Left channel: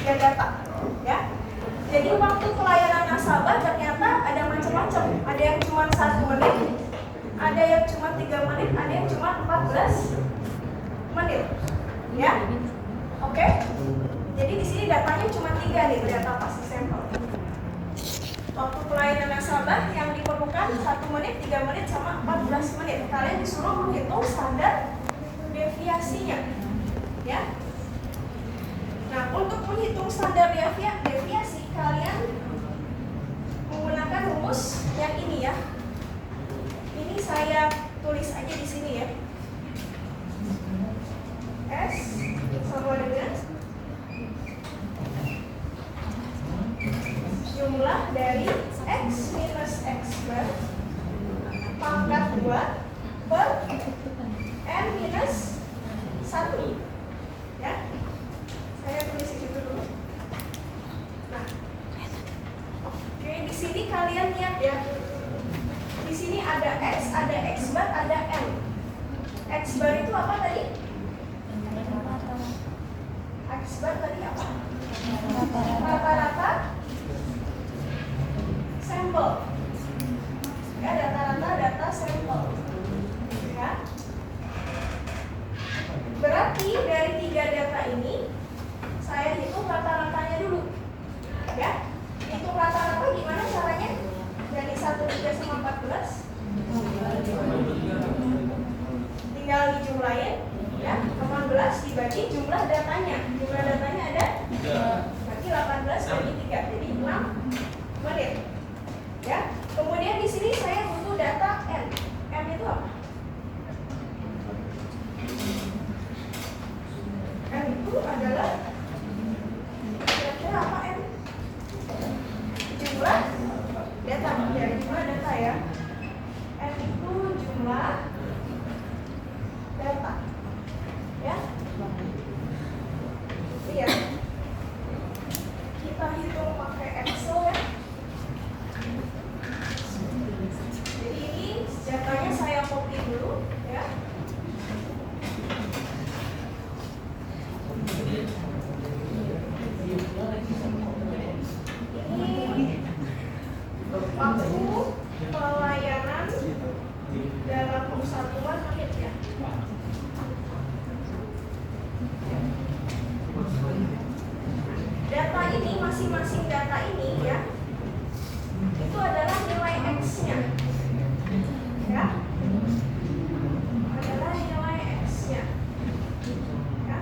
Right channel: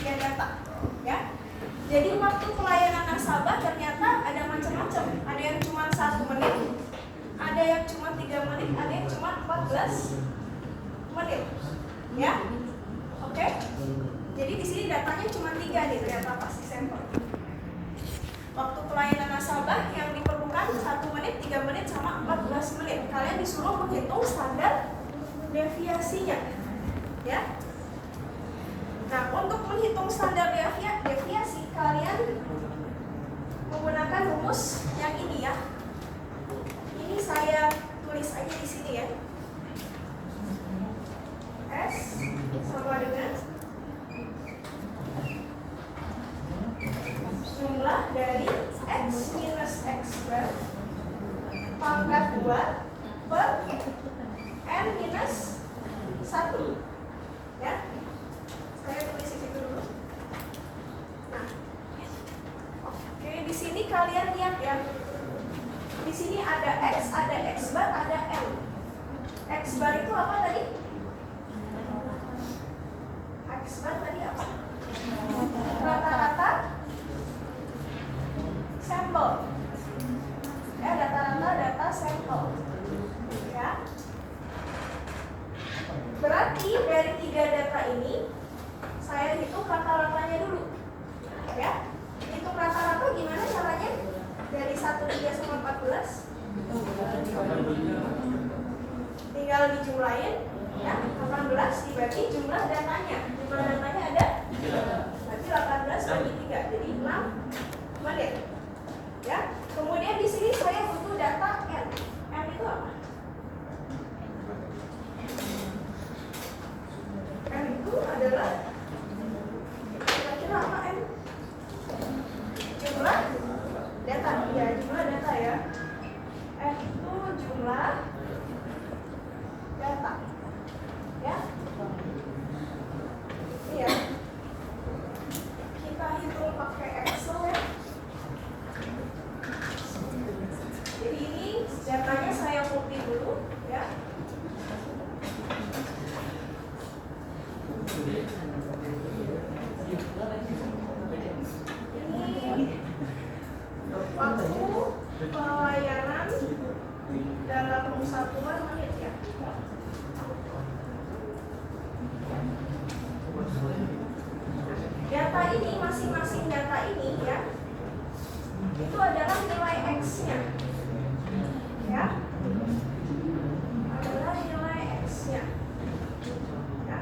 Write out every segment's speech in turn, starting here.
3 data, ya. Jadi waktu pelayanan nasabah ternyata ada macam-macam. Ada yang cuma 1 menit, ada yang cuma 3 menit, ada yang cuma 14 menit, ya. Oke. Jadi di sini datanya cuma 3 nih, data pasti sampel. Waktu pelayanan nasabah yang diperlukan 1 menit, 3 menit, sama 14 menit. Kalian disuruh menghitung standar deviasinya, ya. Nah, untuk menghitung standar deviasi, kalian menggunakan rumus yang ini, ya. Ini saya tulis aja di sini, ya. S sama dengan jumlah dari X minus X bar pangkat 2 per M minus 1, ya. Saya tulis itu dulu. Nah, oke, di sini kalian lihat, ya. Di sini ada X, ada X bar, ada M. X bar itu apa tadi? X bar tadi apa? Rata-rata sampel, ya, rata-rata data sampel, ya. Berarti dari 3 data ini saya hitung rata-ratanya dulu, ya. Hitung rata-rata gimana caranya? Dari 1, 3 sama 14 tinggal dijumlahin, ya. 18 dibagi jumlah datanya. Jumlah datanya ada 3. Berarti 18 bagi 3 jadi 6 menit. Ya, kemudian di sini saya butuh data N. N itu apa? N itu adalah kira-kira apa N? Jumlah data, ya, jumlah data, ya. N itu jumlah data, ya. Iya. Kita hitung pakai Excel, ya. Jadi ini datanya saya copy dulu, ya. Ini waktu pelayanan dalam persatuan menit, ya. Data ini, masing-masing data ini, ya, itu adalah nilai X-nya, ya, adalah nilai X-nya, ya.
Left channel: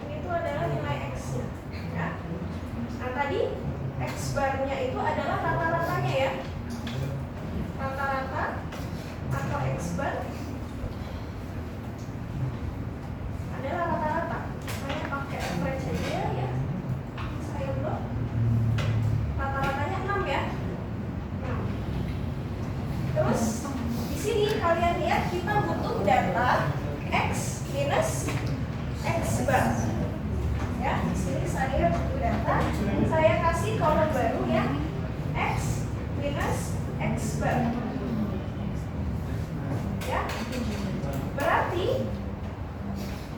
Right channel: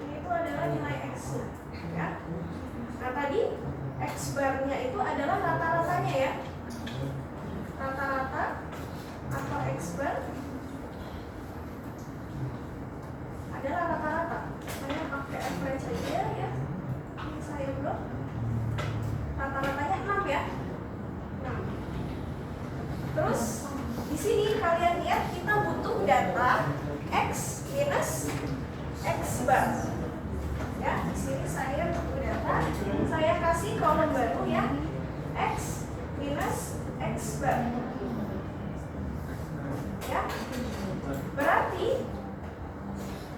Ini itu adalah nilai X-nya, ya. Nah, tadi X bar-nya itu adalah rata-ratanya, ya. Rata-rata atau X bar adalah rata-rata. Saya pakai average saja, ya. Saya blok. Rata-ratanya 6, ya. 6. Terus di sini kalian lihat kita butuh data X minus X bar. Ya, di sini saya butuh data. Saya kasih kolom baru, ya. X minus X bar. Ya. Berarti,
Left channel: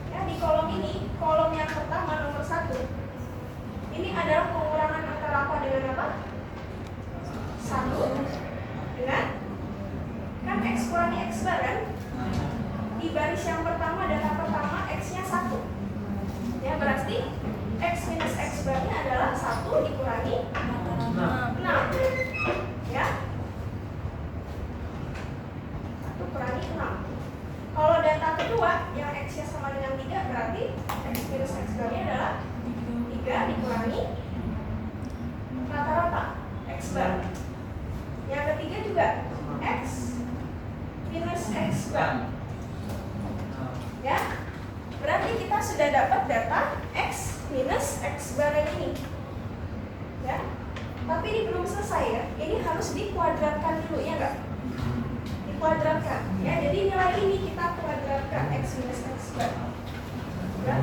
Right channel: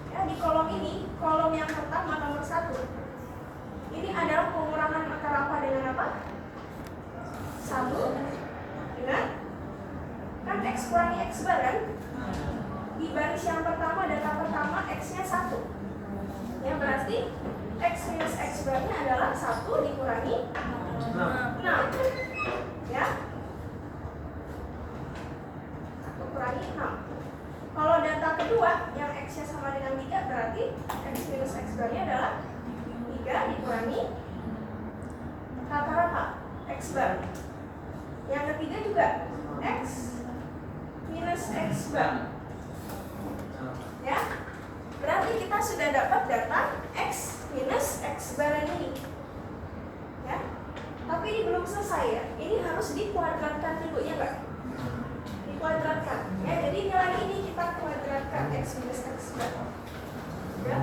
ya, di kolom ini, kolom yang pertama nomor 1, ini adalah pengurangan antara apa dengan apa? 1 dengan, kan X kurangi X bar, kan? Di baris yang pertama, data pertama X-nya 1. Ya, berarti X minus X bar-nya adalah 1 dikurangi 6. Ya. 1 kurangi 6. Kalau data kedua yang X-nya sama dengan 3, berarti X minus X bar-nya adalah 3 dikurangi rata-rata X bar. Yang ketiga juga X minus X bar. Ya. Berarti kita sudah dapat data X minus X bar ini, ya. Tapi ini belum selesai, ya. Ini harus dikuadratkan dulu, ya enggak? Dikuadratkan, ya. Jadi nilai ini kita kuadratkan X minus X bar, ya.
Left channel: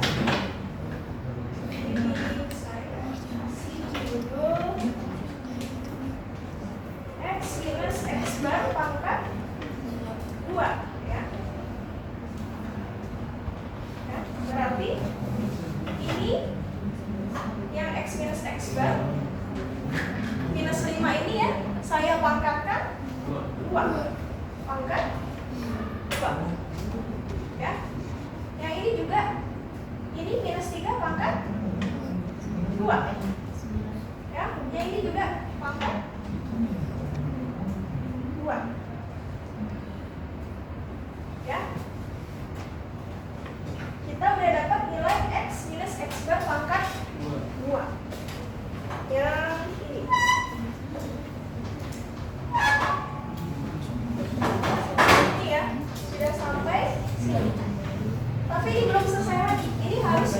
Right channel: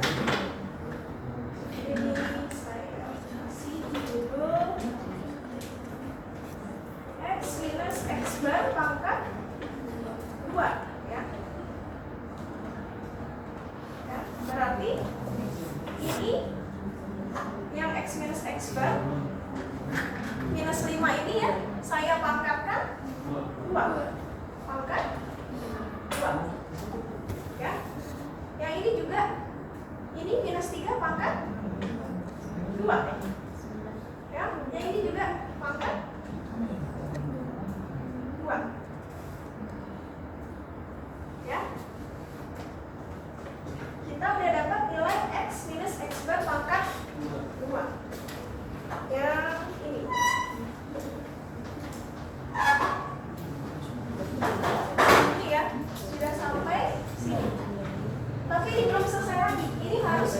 Ini saya kasih judul X bar minus 5 ini ya, saya pangkatkan 2. Pangkat 2. Ya. Yang ini juga, ini minus 3 pangkat 2. Ya. Yang ini juga pangkat 2. Ya. Kita udah dapat nilai X minus X bar pangkat 2. Yang ini. Ini ya, sudah sampai sini. Tapi ini belum selesai lagi. Ini harus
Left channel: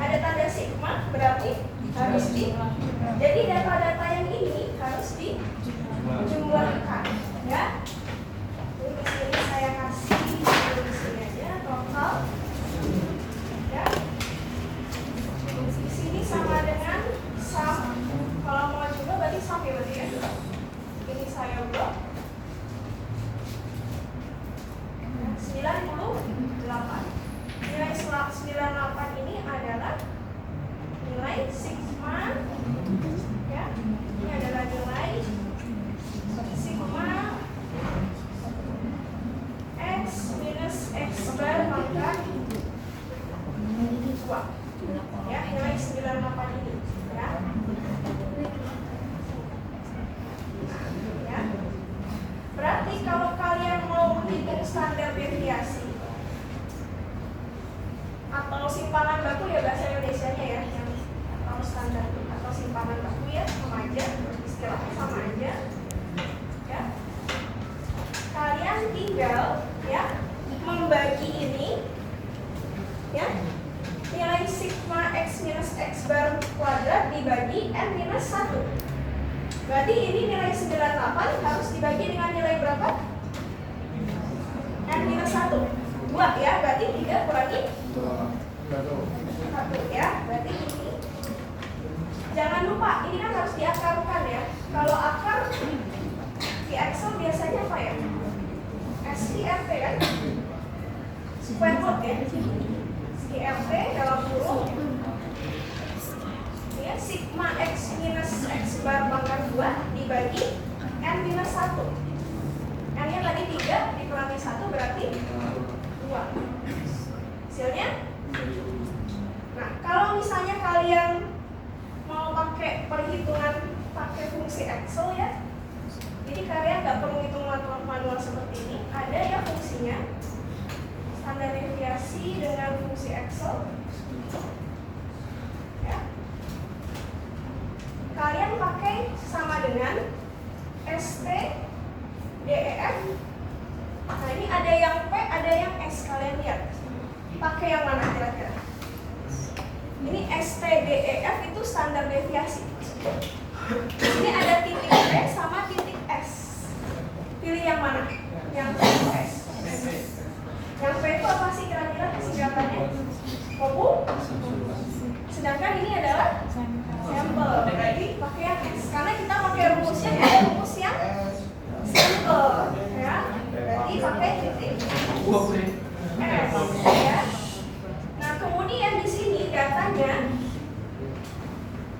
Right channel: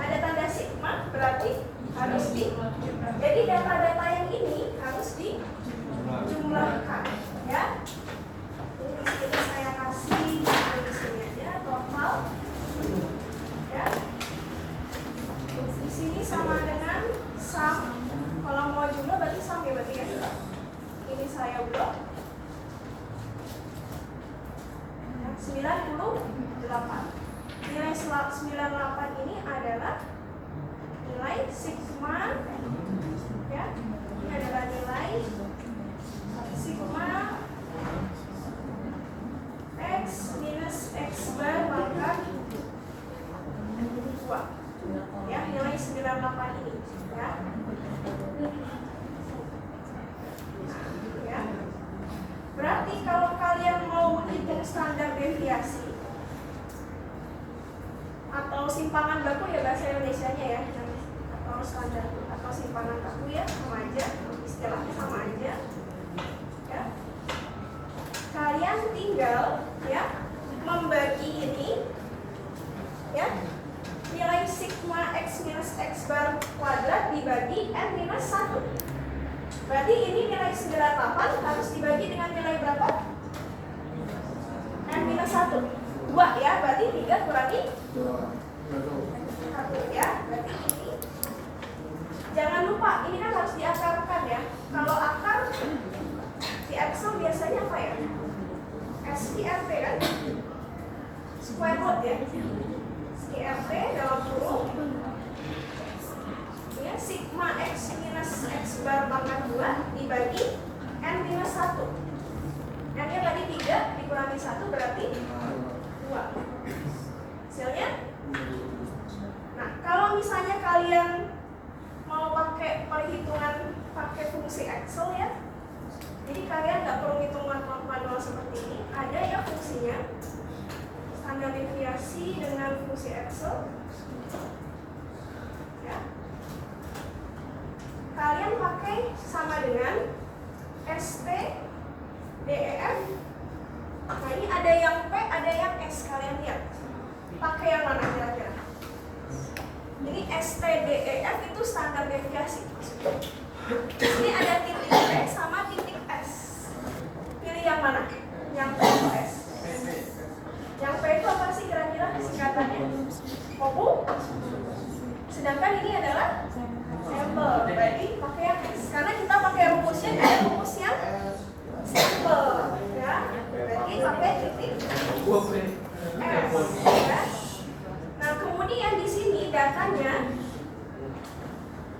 ada tanda sigma, berarti harus jadi data-data yang ini harus dijumlahkan, ya. Ini di sini saya kasih di sini aja total, ya. Di sini sama dengan sum. Kalau mau jumlah berarti sum ya, berarti ya. Ini saya blok 98. Nilai 98 ini adalah nilai sigma, ya. Ini adalah nilai sigma X minus X bar pangkat 2. Ya, nilai 98 ini, ya. Ya. Berarti kalau kalian mau hitung standar deviasi atau simpangan baku ya bahasa Indonesianya ya, atau standar atau simpangan baku ya, sama aja, istilahnya sama aja, ya. Kalian tinggal ya membagi ini, ya, nilai sigma X minus X bar kuadrat dibagi N minus 1. Berarti ini nilai 98 harus dibagi dengan nilai berapa? N minus 1. 2 ya, berarti 3 kurangi 1 ya, berarti ini. Jangan lupa, ini kan harus diakarkan ya. Kalau akar di Excel biasanya apa ya? SQRT kan? Square root ya. SQRT dalam kurung ya, sigma X minus X bar pangkat 2 dibagi N minus 1. N-nya tadi 3 dikurangi 1 berarti 2. Hasilnya. Nah, kalau misalnya kalian mau pakai perhitungan pakai fungsi Excel ya, jadi kalian nggak perlu hitung manual seperti ini. Ada ya fungsinya, standar deviasi dengan fungsi Excel. Ya. Kalian pakai sama dengan ST, DEF. Nah, ini ada yang P, ada yang S. Kalian lihat. Pakai yang mana kira-kira? Ini ST, DEF itu standar deviasi. Ini ada titik P sama titik S. Pilih yang mana? Yang P atau S? Yang P itu apa sih kira-kira singkatannya? Kopu. Sedangkan ini adalah sampel. Berarti pakai yang S. Karena kita pakai rumusnya ada rumus yang sampel, ya. Berarti pakai titik S, ya. Nah, kemudian di sini datanya,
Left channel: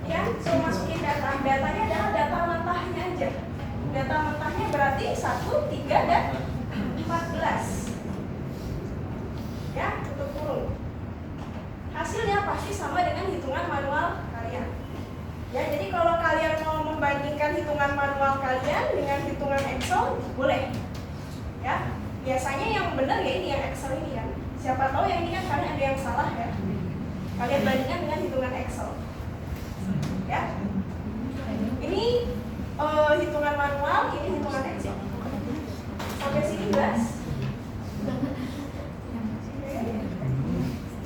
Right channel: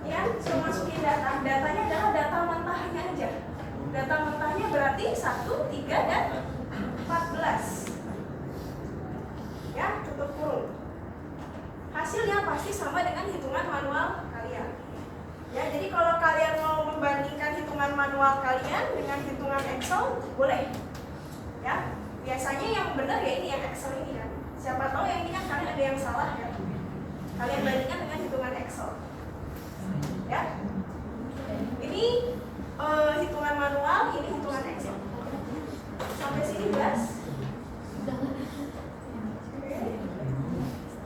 ya, saya masukin datanya adalah data mentahnya aja. Data mentahnya berarti 1, 3, dan 14. Ya, tutup kurung. Hasilnya pasti sama dengan hitungan manual kalian. Ya, jadi kalau kalian mau membandingkan hitungan manual kalian dengan hitungan Excel, boleh. Ya, biasanya yang benar ya ini yang Excel ini kan. Siapa tahu yang ini kan kalian ada yang salah ya. Kalian bandingkan dengan hitungan Excel. Ya. Ini hitungan manual, ini hitungan Excel. Sampai sini jelas?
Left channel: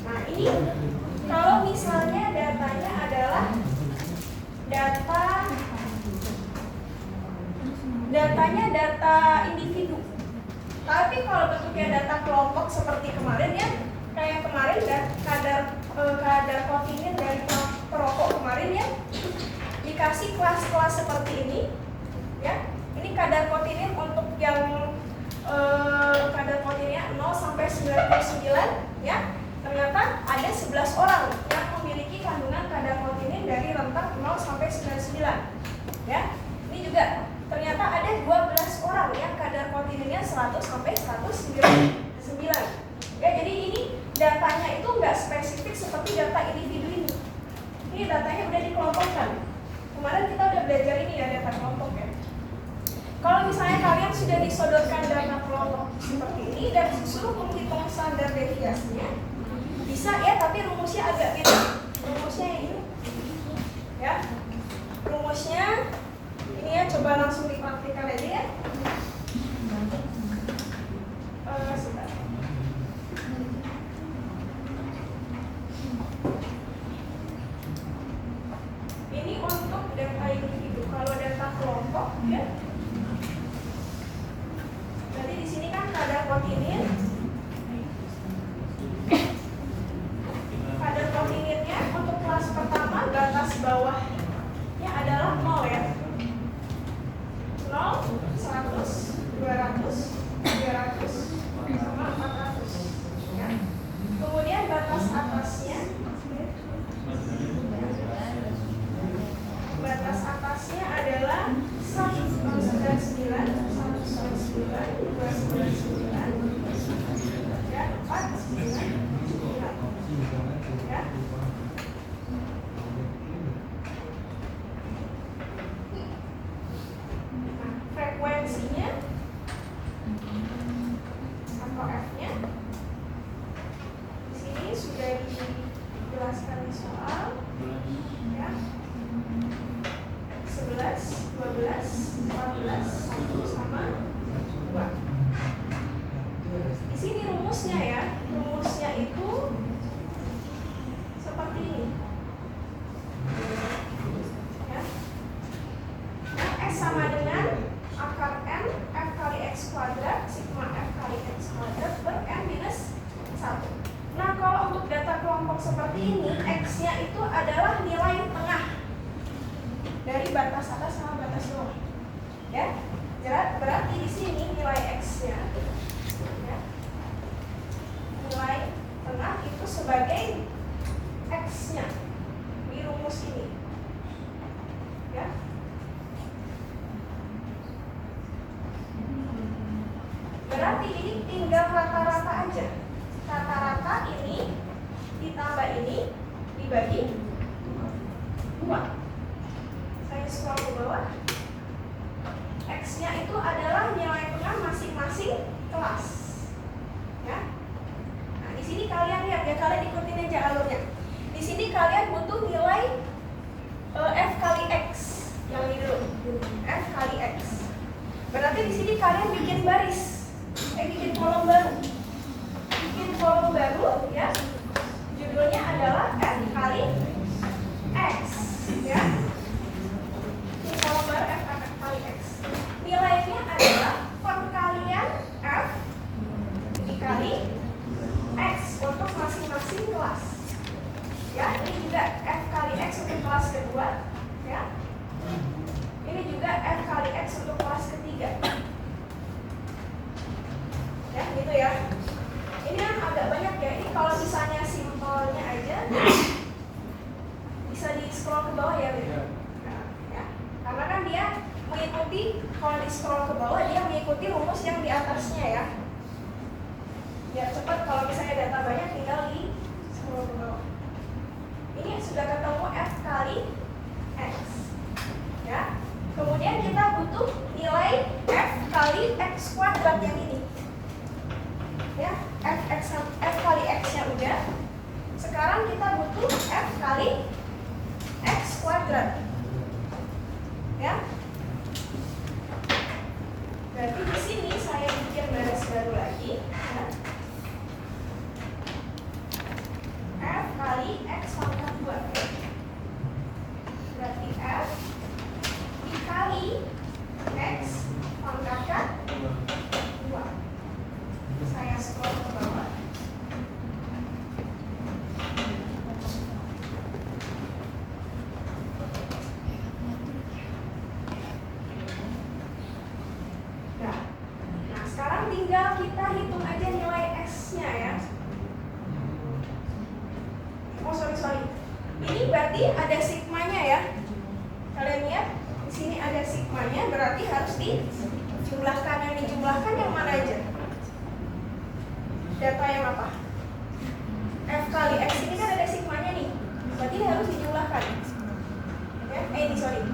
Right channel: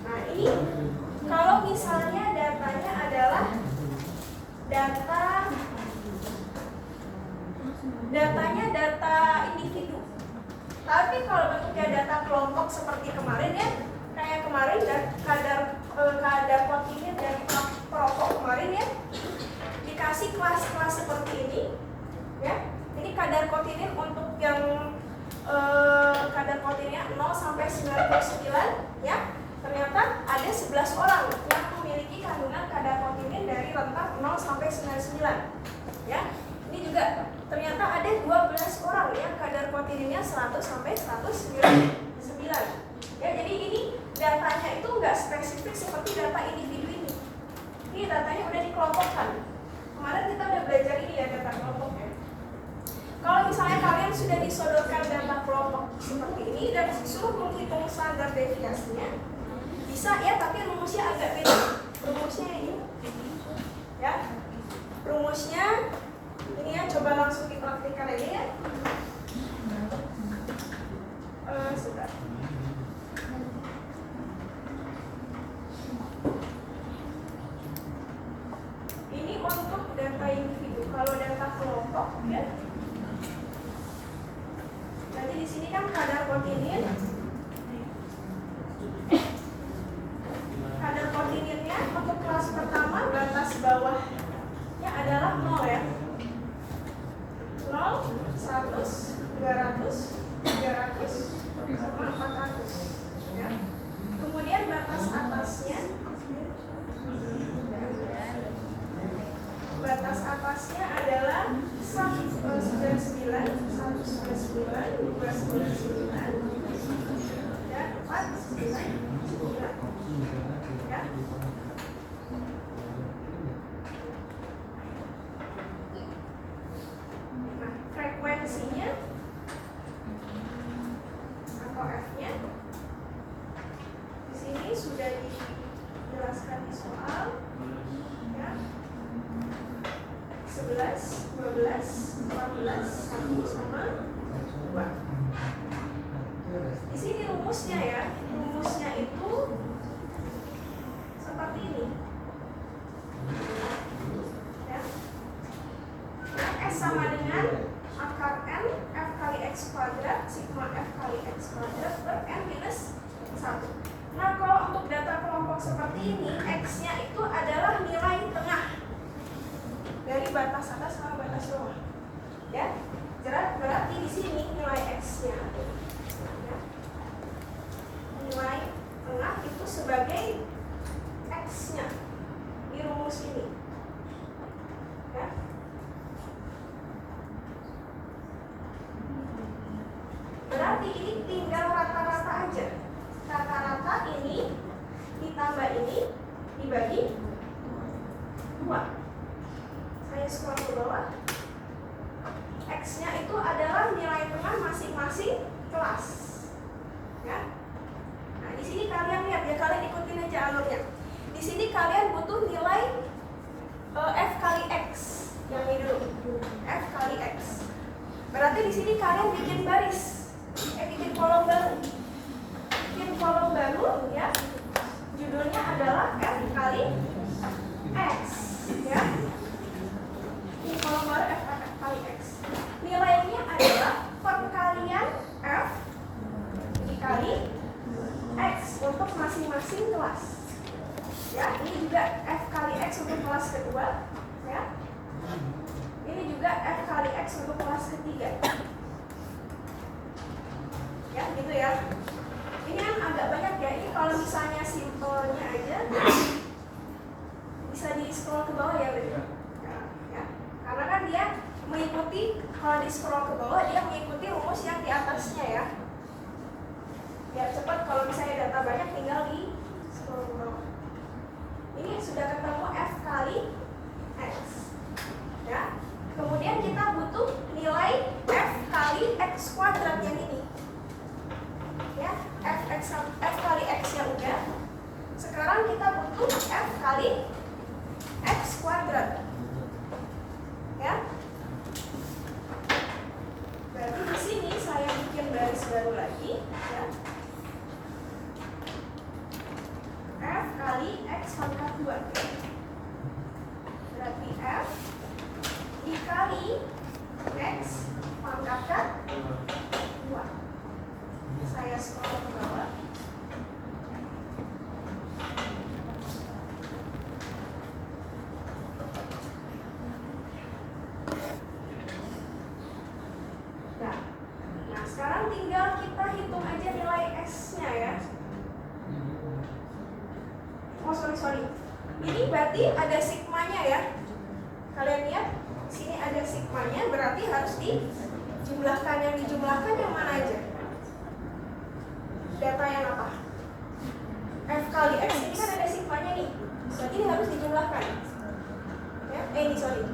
Nah, ini kalau misalnya datanya adalah datanya data individu. Tapi kalau bentuknya data kelompok seperti kemarin ya, kayak kemarin ya, kadar kontingen dari perokok kemarin ya, dikasih kelas-kelas seperti ini, ya. Ini kadar kontingen untuk yang kadar kontingennya 0 sampai 99, ya. Ternyata ada 11 orang yang memiliki kandungan kadar kontingen dari dari rentang 0 sampai 99. Ya, ini juga ternyata ada 12 orang yang kadar proteinnya 100 sampai 199. Ya, jadi ini datanya itu nggak spesifik seperti data individu ini. Ini datanya udah dikelompokkan. Kemarin kita udah belajar ini ya, data kelompok ya. Kalau misalnya kalian sudah disodorkan data kelompok seperti ini dan disuruh menghitung standar deviasinya, bisa ya, tapi rumusnya agak beda. Rumusnya ini, ya. Rumusnya ini ya, coba langsung dipraktikkan aja ya. Sudah. Ini untuk data individu. Kalau data kelompok, ya. Jadi di sini kan kadar protein. Kadar proteinnya untuk kelas pertama batas bawahnya adalah 0 ya. 0, 100, 200, 300, sama 400 ya. Kemudian batas atasnya adalah 199, 199, 299 ya, 499 ya. Nah, frekuensinya atau F-nya di sini sudah dijelaskan di soal ya. 11, 12, 14, 1 sama 2. Di sini rumusnya ya, rumusnya itu seperti ini. Ya. Nah, S sama dengan akar N F kali X kuadrat sigma F kali X kuadrat per N minus 1. Nah, kalau untuk data kelompok seperti ini, X-nya itu adalah nilai tengah dari batas atas sama batas bawah. Ya. Berarti di sini nilai X-nya ya, nilai tengah itu sebagai X-nya di rumus ini. Ya. Berarti ini tinggal rata-rata aja. Rata-rata ini ditambah ini dibagi 2. Saya scroll ke bawah. X-nya itu adalah nilai tengah masing-masing kelas. Ya. Nah, di sini kalian lihat ya, kalian ikutin aja alurnya. Di sini kalian butuh nilai F kali X yang ini dulu. F kali X. Berarti di sini kalian bikin baris. Bikin kolom baru. Bikin kolom baru ya. Judulnya adalah F kali X ya. Kolom baru F kali X. Nilainya adalah perkalian F dikali X untuk masing-masing kelas. Ya, ini juga F kali X untuk kelas kedua. Ya. Ini juga F kali X untuk kelas ketiga. Ya, gitu ya. Ini yang agak banyak ya. Ini kalau misalnya simpelnya aja bisa di scroll ke bawah ya, ya. Karena kan dia mengikuti, kalau di scroll ke bawah dia mengikuti rumus yang di atasnya ya. Biar cepat, kalau misalnya data banyak tinggal di scroll ke bawah. Ini sudah ketemu F kali X ya. Kemudian kita butuh nilai F kali X kuadrat yang ini ya. F kali X nya udah. Sekarang kita butuh F kali X kuadrat ya. Berarti di sini saya bikin baris baru lagi ya. F kali X pangkat 2 ya. Kalian lihat di sini ada sigmanya, berarti harus dijumlahkan. Yang dijumlahkan yang mana aja? Data yang apa? F kali X ini kan ada sigmanya nih, berarti harus dijumlahkan. Ya, sorry.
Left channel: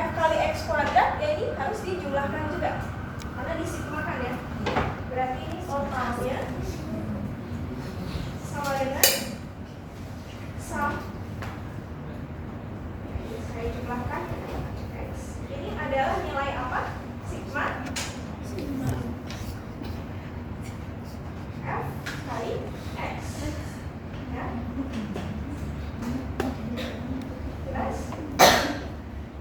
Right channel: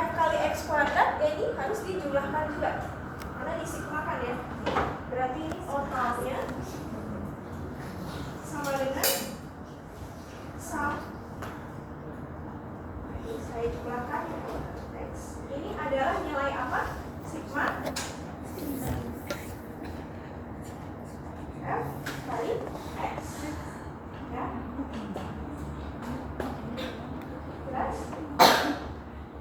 F kali X kuadrat ya ini harus dijumlahkan juga, karena disigmakan ya. Berarti ini totalnya sama dengan sum. Saya jumlahkan X. Ini adalah nilai apa? Sigma F kali X. Ya. Jelas?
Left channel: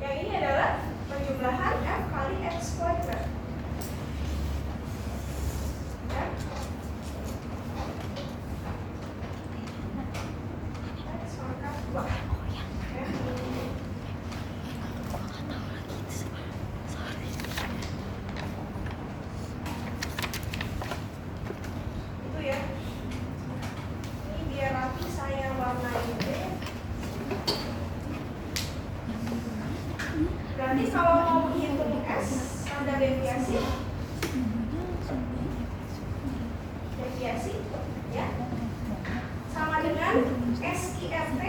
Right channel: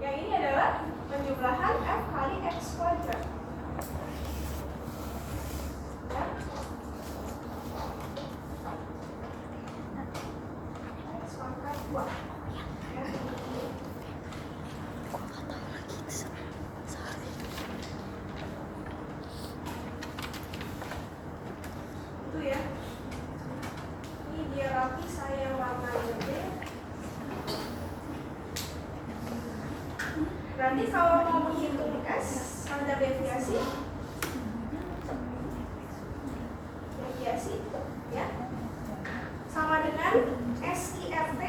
Yang ini adalah penjumlahan F kali X kuadrat. Ya. X pangkat 2. Ya. Itu ya. Ini biar rapi saya warnain deh. Nanti kalau mau menghitung S, standar deviasi, ya, sama dengan SIRT.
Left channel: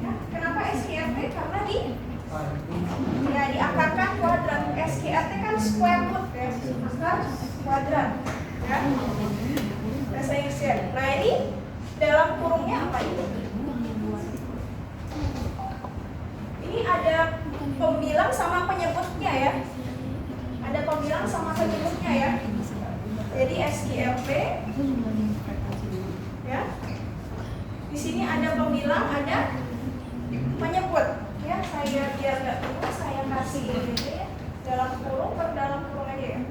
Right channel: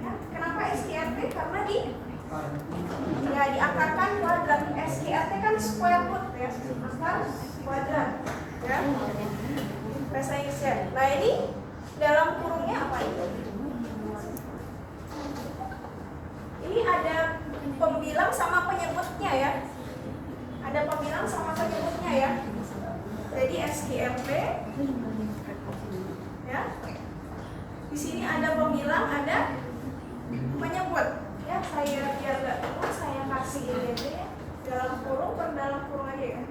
Ya, kenapa SIRT? Karena diakarkan kuadrat. SIRT kan square root ya, akar kuadrat. Ya, bahasa Inggrisnya. Nah ini dalam kurungnya apa itu? Ini ada pembilang sama penyebutnya ya. Ada pembilang sama penyebutnya ya. Jadi SIRT ya. Di sini ada pembilang, ada penyebut. Ya, saya biar nggak bingung, saya kasih ini aja ya. Dalam kurung per dalam kurung aja ya.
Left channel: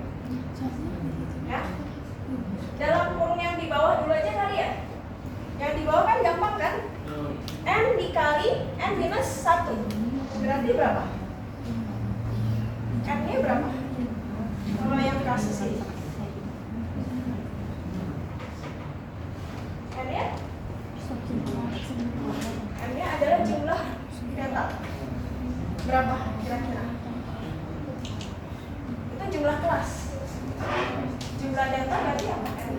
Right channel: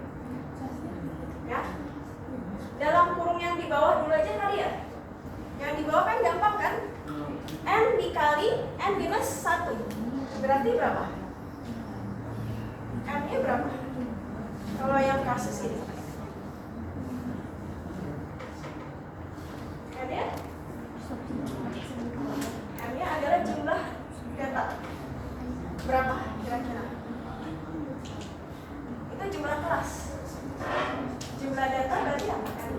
Ya. Dalam kurung yang di bawah dulu aja kali ya. Yang di bawah kan gampang kan? N dikali N minus 1. Berarti berapa? N-nya berapa? Kalau yang kasus ini N-nya adalah jumlah data. Berapa kira-kira? Itu jumlah kelas. Jumlah data berarti apa kan?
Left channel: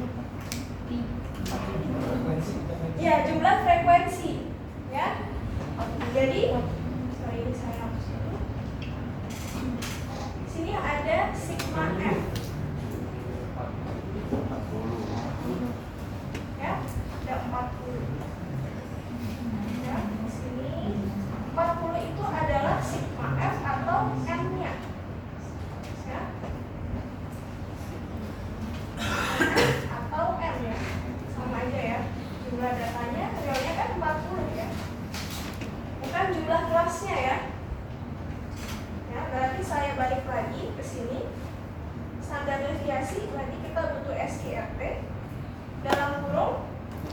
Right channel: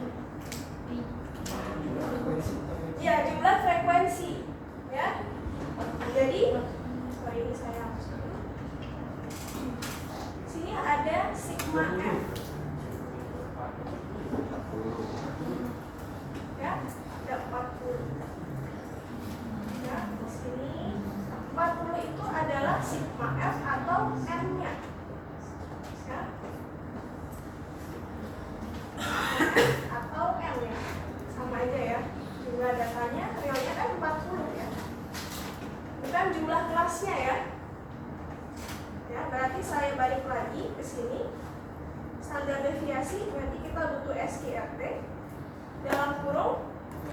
Ya, jumlah frekuensi. Ya. Jadi sorry, ini saya hapus dulu. Sini ada sigma F. Ya, ada 40. Ya, di sini 40 itu adalah sigma F atau N-nya. Ya. Atau N ya. Sama aja ya. Jumlah datanya realnya kan 40 ya. Bukan jumlah kelasnya ya. Ya, berarti saya balik lagi ke sini. Standar deviasi nanti kita butuh SIRT. Dalam kurung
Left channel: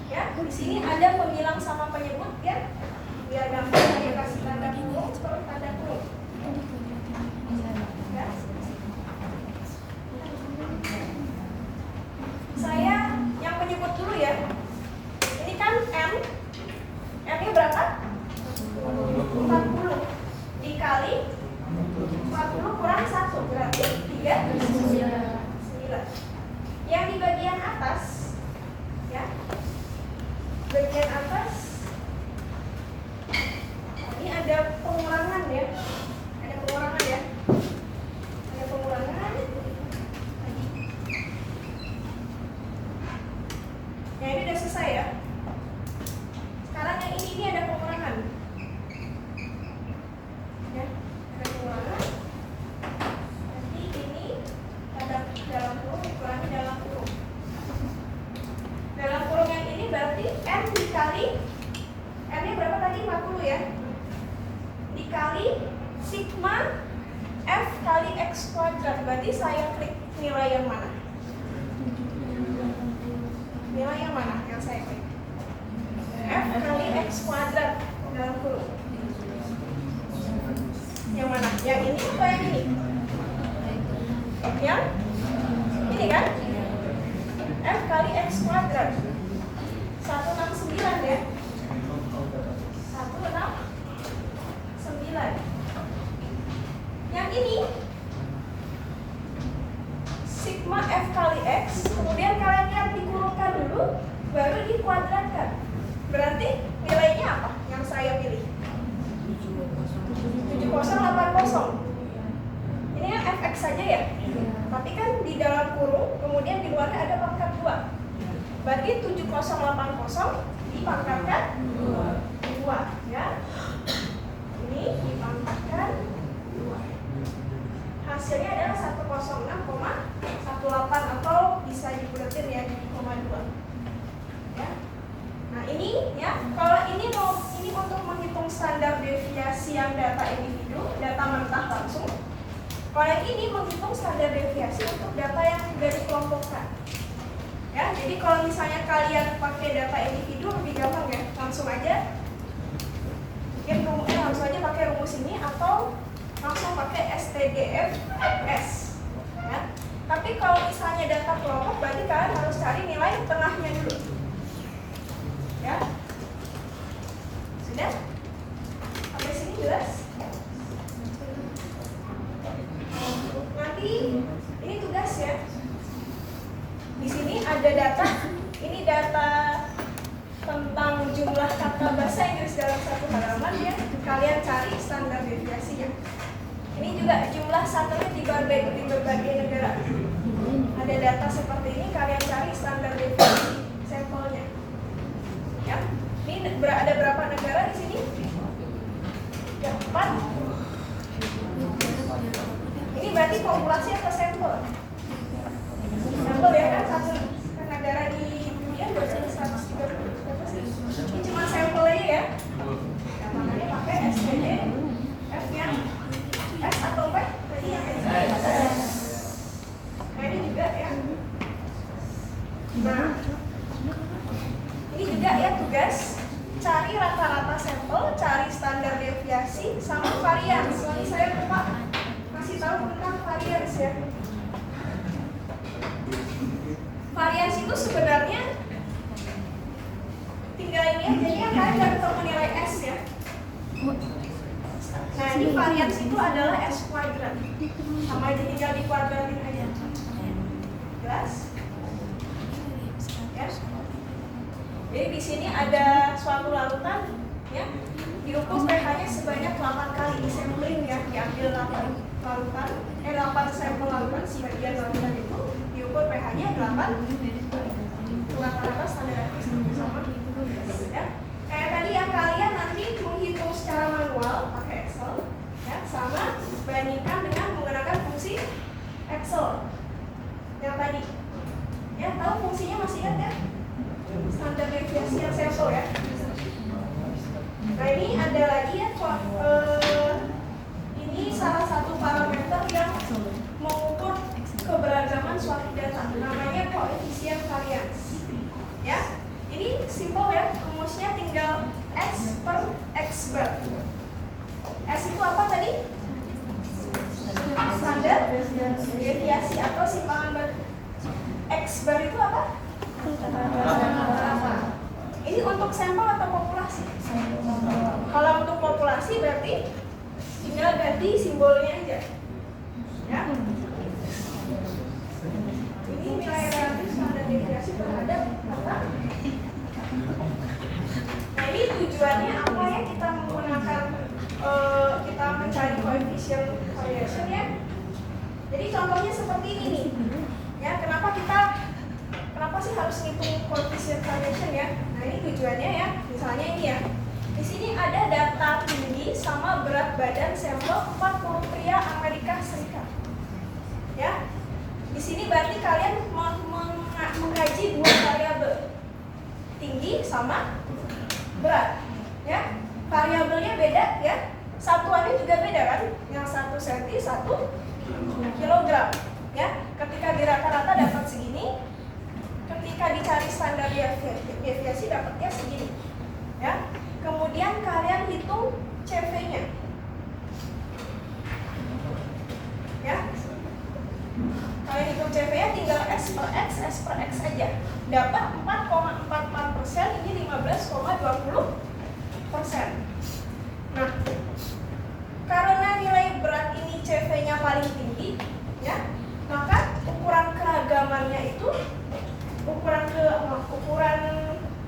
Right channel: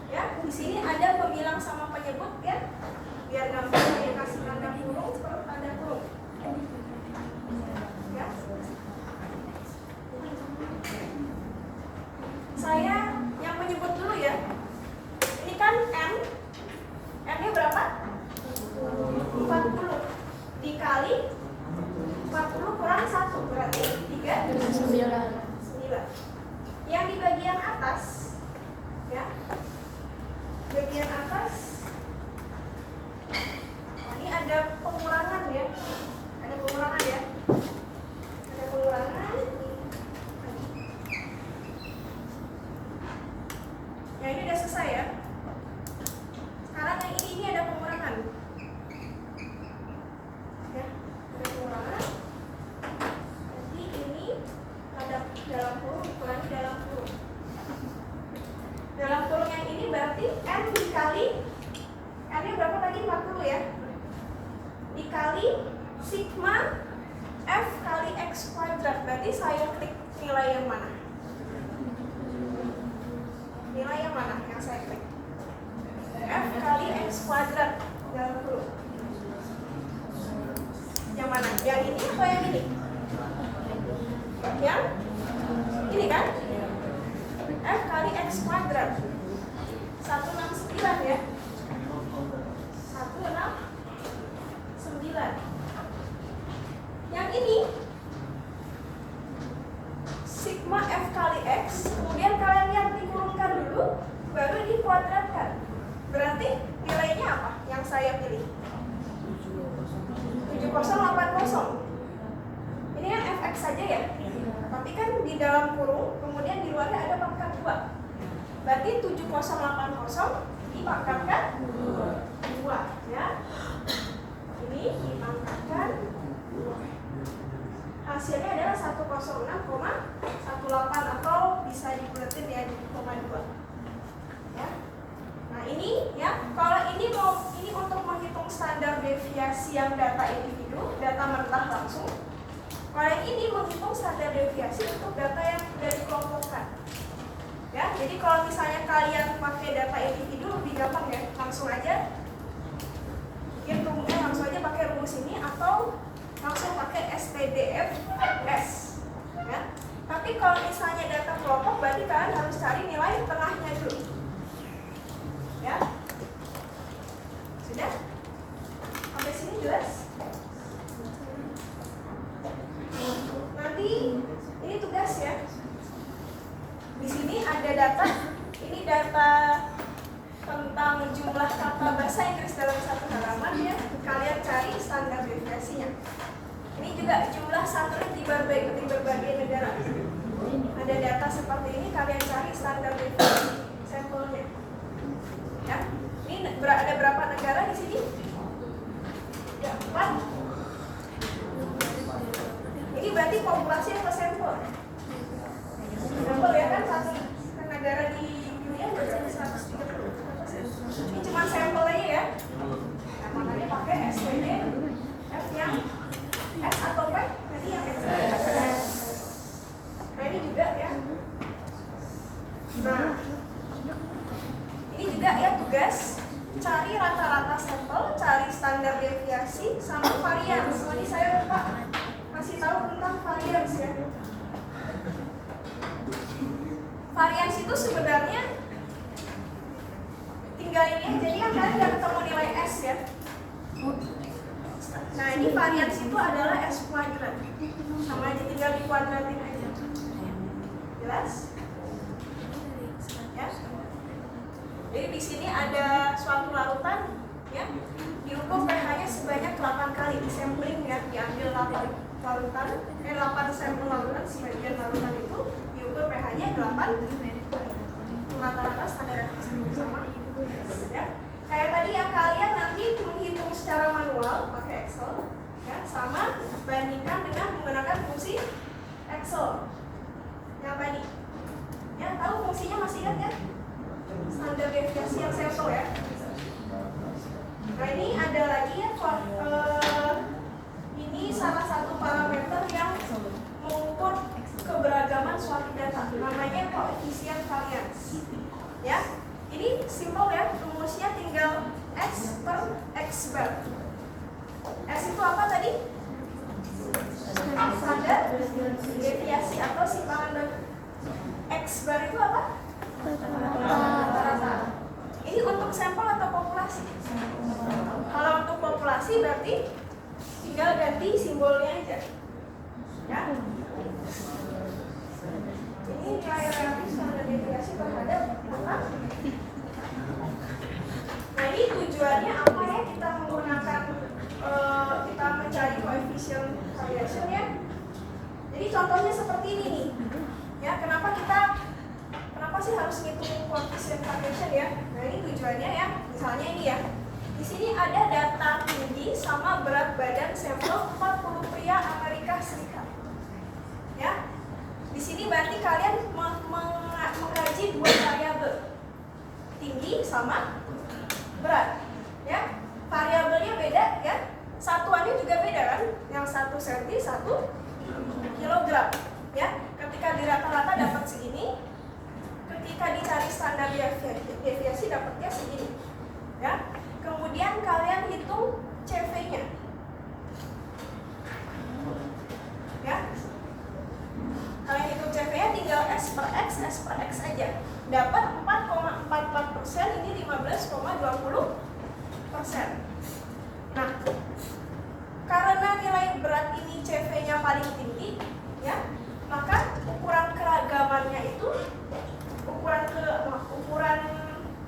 ya, di sini ada pembilang sama penyebut ya. Biar gampang saya kasih tanda kurung per tanda kurung. Ya. Saya yang menyebut dulu ya. Ini kan M. M-nya berapa? 40 dikali 40 kurang 1 berarti 39. Yang di bagian atas ya, bagian atas ini ada pengurangan ya, ada pengurangan ya, ada pengurangan. Ya ini udah selesai ya. Sekarang yang ini ada pengurangan. Ya, ada pengurangan. Nanti ini ada dalam kurung, dikurangi dalam kurung. Dalam kurung yang ini berarti N dikali N-nya berapa tadi? 40 ya. Dikali sigma F kali X kuadrat. Berarti saya klik nilai yang mana? Nilai yang mana yang saya klik? F kali X kuadrat dalam kurung. Yang mana? Yang ini atau yang ini? Yang ini kan? F kali X kuadrat 169 ya. 169. ini sigma F kali X, kemudian kalian lihat dikurungkan dulu, baru dikuadratkan. Berarti nilainya apa yang saya pilih? 7080. Ini kan fx saja ya, tapi kan di dalam kurung, kemudian di luarnya ada pangkat 2. Berarti 7080 dipangkatkan 2 ya. Ini dipangkatkan 2. Hasilnya adalah 106,18 atau bisa dibulatin ya di 0,2 ya. Nah ini ya, kalau ini untuk menghitung standar deviasi yang data individu, data mentah langsung. Kalau yang ini menghitung standar deviasi untuk data yang sudah dikelompokkan. Ya, jadi kalau misalnya kalian pakai data individu lebih gampang ya, langsung aja langsung aja pakai rumus ini atau langsung pakai STDFS ya. Tapi kalau misalnya data kelompok, berarti kalian harus cari nilai tengahnya dulu ya. Sudah? Sampai sini jelas? Nanti ini tugas ya. Di sini ada data, ini data tentang jumlah kata bahasa Inggris dalam satu halaman ya. Kalian cari standar deviasinya. Ini juga jumlah satelit di berbagai negara. Ada data seperti ini, kalian cari standar deviasi sampelnya. Ya. Ini ada berapa negara di sini? Ya, 4. Ini berarti populasi atau sampel? Sampel ya kan, satu negara di dunia berarti 130. Ini cuma sampelnya ya. Nah, makanya pakai STD F-nya S atau P? Tadi yang S. Nah ini juga ya. Nah ini juga ya tugas, cari rata-rata sampel, cari standar deviasi sama varians. Ini saya lupa kasih tahu tentang varians ya. Varians itu sebenarnya tinggal ini aja, jadi yang kalian udah ketemu nilai S ya. Nah ini varians itu adalah S kuadrat, sama aja tinggal dikuadratin aja. Jelas? Ya. Jadi di sini ada suatu larutan ya, diukur pH-nya sebanyak 8 kali di sampling ya, diambil 8 larutan, 8 sampel larutan, sebagian larutan itu diukur pH-nya 8, rata-rata standar sama ya. Kayak tadi ya, kalian nanti menghitung secara manual pakai Excel ya, sama bandingkan dengan menggunakan fungsi Excel yang tadi ya. Tahu fungsinya masih ingat ya? Standar deviasi yang sampel ya. Nah ini ada lagi ya, ini salah satu parameter yang mengukur keberagaman suatu data, namanya koefisien varians ya. Ini simple ya, rumusnya tinggal X per X bar. S itu apa tadi? Standar deviasi atau simpangan bar. X bar itu apa? Rata. Ini untuk sampel atau populasi? Kalau untuk populasi berarti tinggal ganti simbolnya aja ya. Ini nilai relatif standar deviasi terhadap apa? Nah ini tujuannya apa ya, kita menggunakan kita mencari koefisien variation ya. Jadi contohnya seperti ini nih ya. Kenapa sih harus ngitung koefisien variation ya? Nah ini tujuannya ya. Misalnya ini ya, di sini ada data tinggi sama berat badan sampel 40 pria Amerika Serikat ya. Di sini berarti kalian mengkaji dua variabel, tinggi sama berat ya. Variabelnya beda ya, satuannya juga beda kan, yang 1 cm 1 kg ya. Ketika di rata-rata dapat segini, ketika dicari standar deviasi dapatnya segini ya. Kemudian kalian hitung CV-nya ya. Kalian hitung CV-nya tinggal S per X aja, dapat 4,44%, ini 15,20%. Nah, karena nilai berat ini CV-nya paling tinggi, ya, maka ukuran keragamannya itu ukuran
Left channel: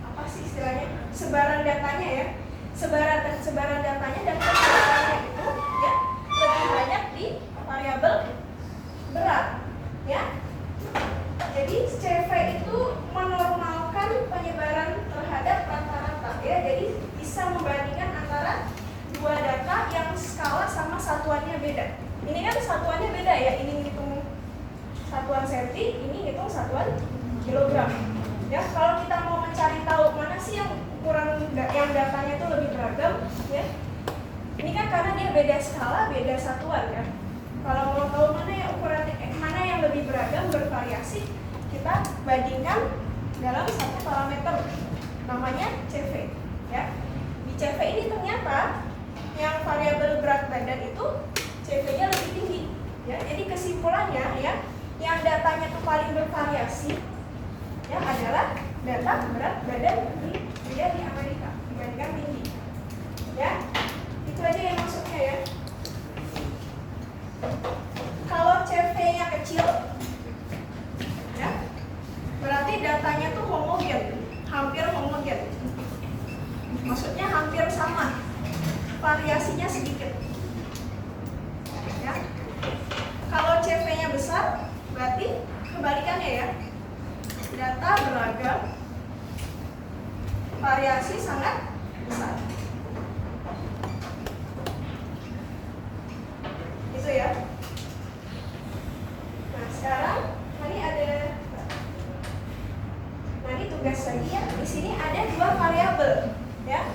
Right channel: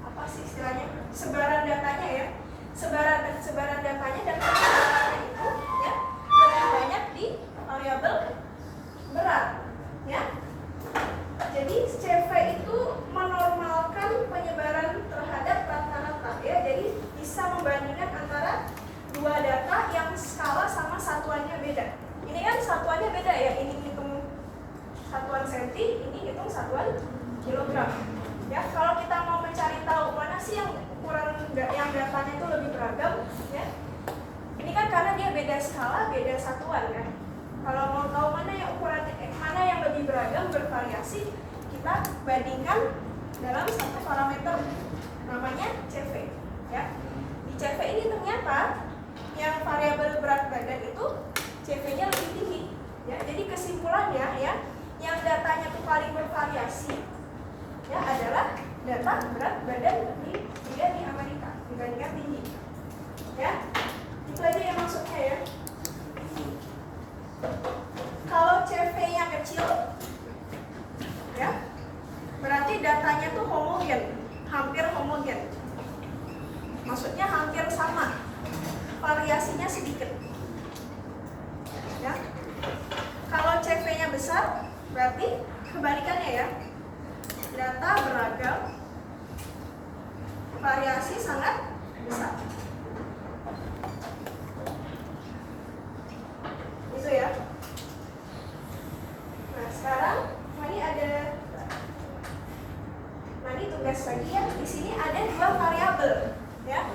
apa sih istilahnya, sebaran datanya ya, sebaran datanya dan kesebarannya itu ya lebih banyak di variabel berat, ya. Jadi CV itu menormalkan penyebaran terhadap rata-rata, ya. Jadi bisa membandingkan antara dua data yang skala sama satuannya beda. Ini kan satuannya beda ya, ini hitung satuan senti, ini hitung satuan kilogram. Ya, kalau kita mau mencari tahu mana sih yang ukuran yang datanya itu lebih beragam, ya. Ini kan karena dia beda skala, beda satuan kan. Kalau mau tahu mana yang mana yang lebih beragam, bervariasi, kita bandingkan dalam satu parameter namanya CV, ya. Di CV ini ternyata yang variabel berat badan itu CV-nya lebih tinggi, ya. Jadi kesimpulannya ya, yang datanya itu paling bervariasi ya adalah data berat badan di Amerika dibandingkan tinggi, ya. Itu aja yang maksudnya ya. Kalau CV-nya kecil ya berarti datanya tuh homogen, hampir homogen, maksudnya hampir sama, variasinya sedikit, ya. Kalau CV-nya besar berarti kebalikannya ya, data beragam, variasi sangat besar. Itu ya. Nah sekarang tadi tugas lagi ya. Di sini ada dua variabel, ya.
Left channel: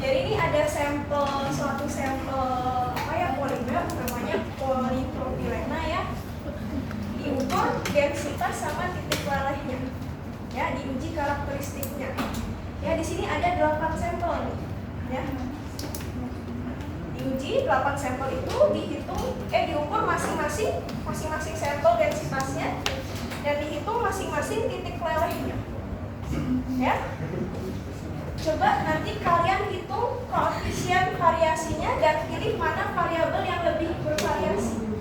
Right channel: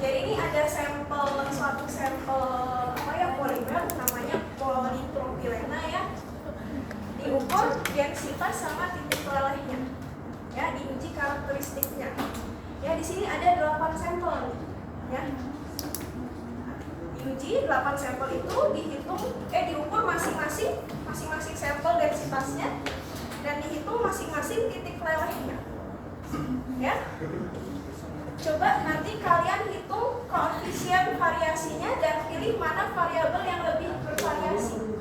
Jadi ini ada suatu sampel poligraf namanya polipropilena ya. Diukur densitas sama titik lelehnya, ya, diuji karakteristiknya. Ya di sini ada 8 sampel nih, ya. Diuji 8 sampel itu diukur masing-masing sampel densitasnya dan dihitung masing-masing titik lelehnya, ya. Coba nanti kalian hitung koefisien variasinya dan pilih mana variabel yang lebih bervariasi,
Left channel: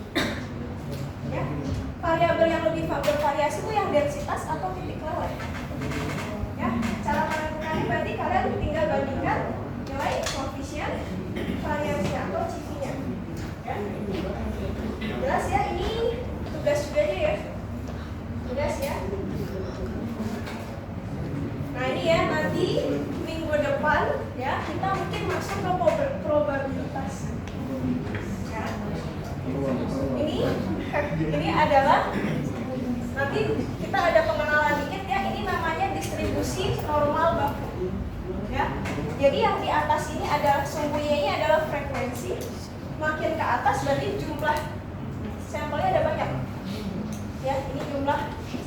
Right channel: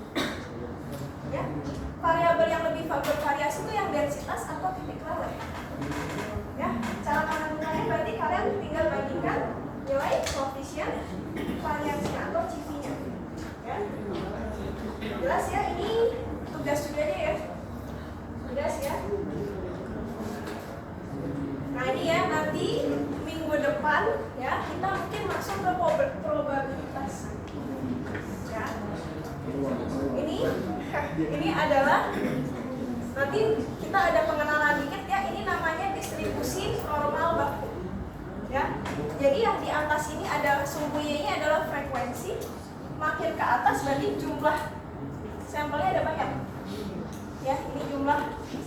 ya. Variabel yang lebih bervariasi itu yang densitas atau titik leleh, ya. Cara menentukannya berarti kalian tinggal bandingkan nilai koefisien variasinya atau CV-nya, ya. Jelas ya, ini tugas juga aja ya, tugas ya. Nah ini ya, nanti minggu depan ya kita mungkin masuk ke probabilitas, ya. Ini adalah nanti kita ada pengenalan dikit ya. Ini namanya distribusi normal baku, ya. Jadi yang di atas ini ada sumbu Y-nya adalah frekuensi. Makin ke atas berarti jumlah sampelnya ada banyak, ya. Ini jumlah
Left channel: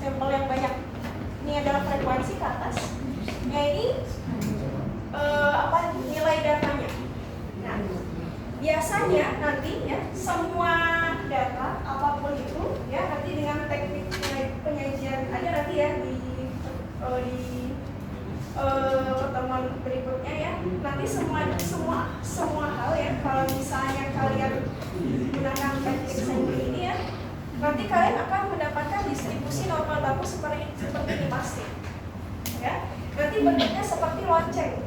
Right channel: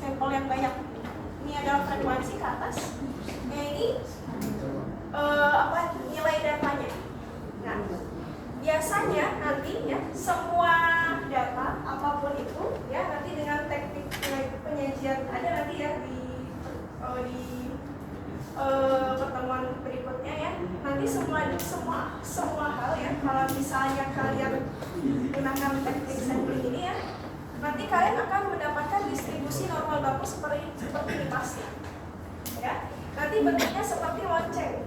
sampel yang banyak. Ini adalah frekuensi ke atas. Ya ini nilai datanya. Nah, biasanya nanti ya semua data apapun itu ya nanti dengan teknik penyajian ada nanti ya di pertemuan berikutnya ya. Nanti semua hal ya, kalau misalnya kalian gunakan teknik sampling ini ya, nanti kalian akan mendapatkan distribusi normal baku seperti ini pasti, ya. Nanti bentuknya seperti lonceng,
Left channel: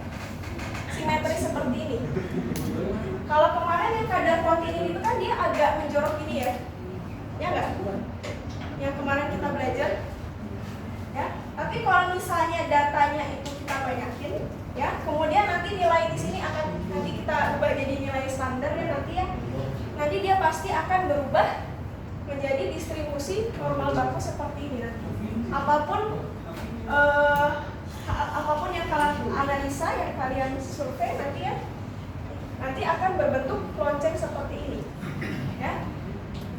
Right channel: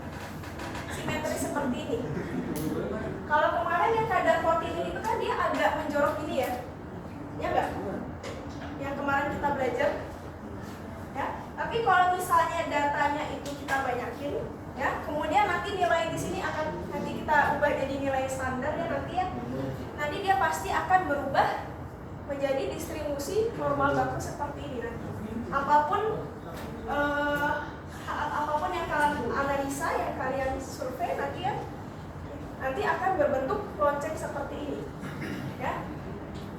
simetri seperti ini. Kalau kemarin yang kadar kontinu itu kan dia agak menjorok ini ya, ya enggak? Yang kemarin kita belajar, ya. Tapi kalau misalnya datanya itu kita banyakin, ya, kemudian nanti nilai di sini akan nanti kita ubah jadi nilai standar ya nanti ya. Nanti dia pasti akan berubah menjadi distribusi normal baku seperti ini nanti. Apapun yang kalian analisa, yang kalian survei nanti ya, nanti akan berbentuk lonceng seperti ini, ya.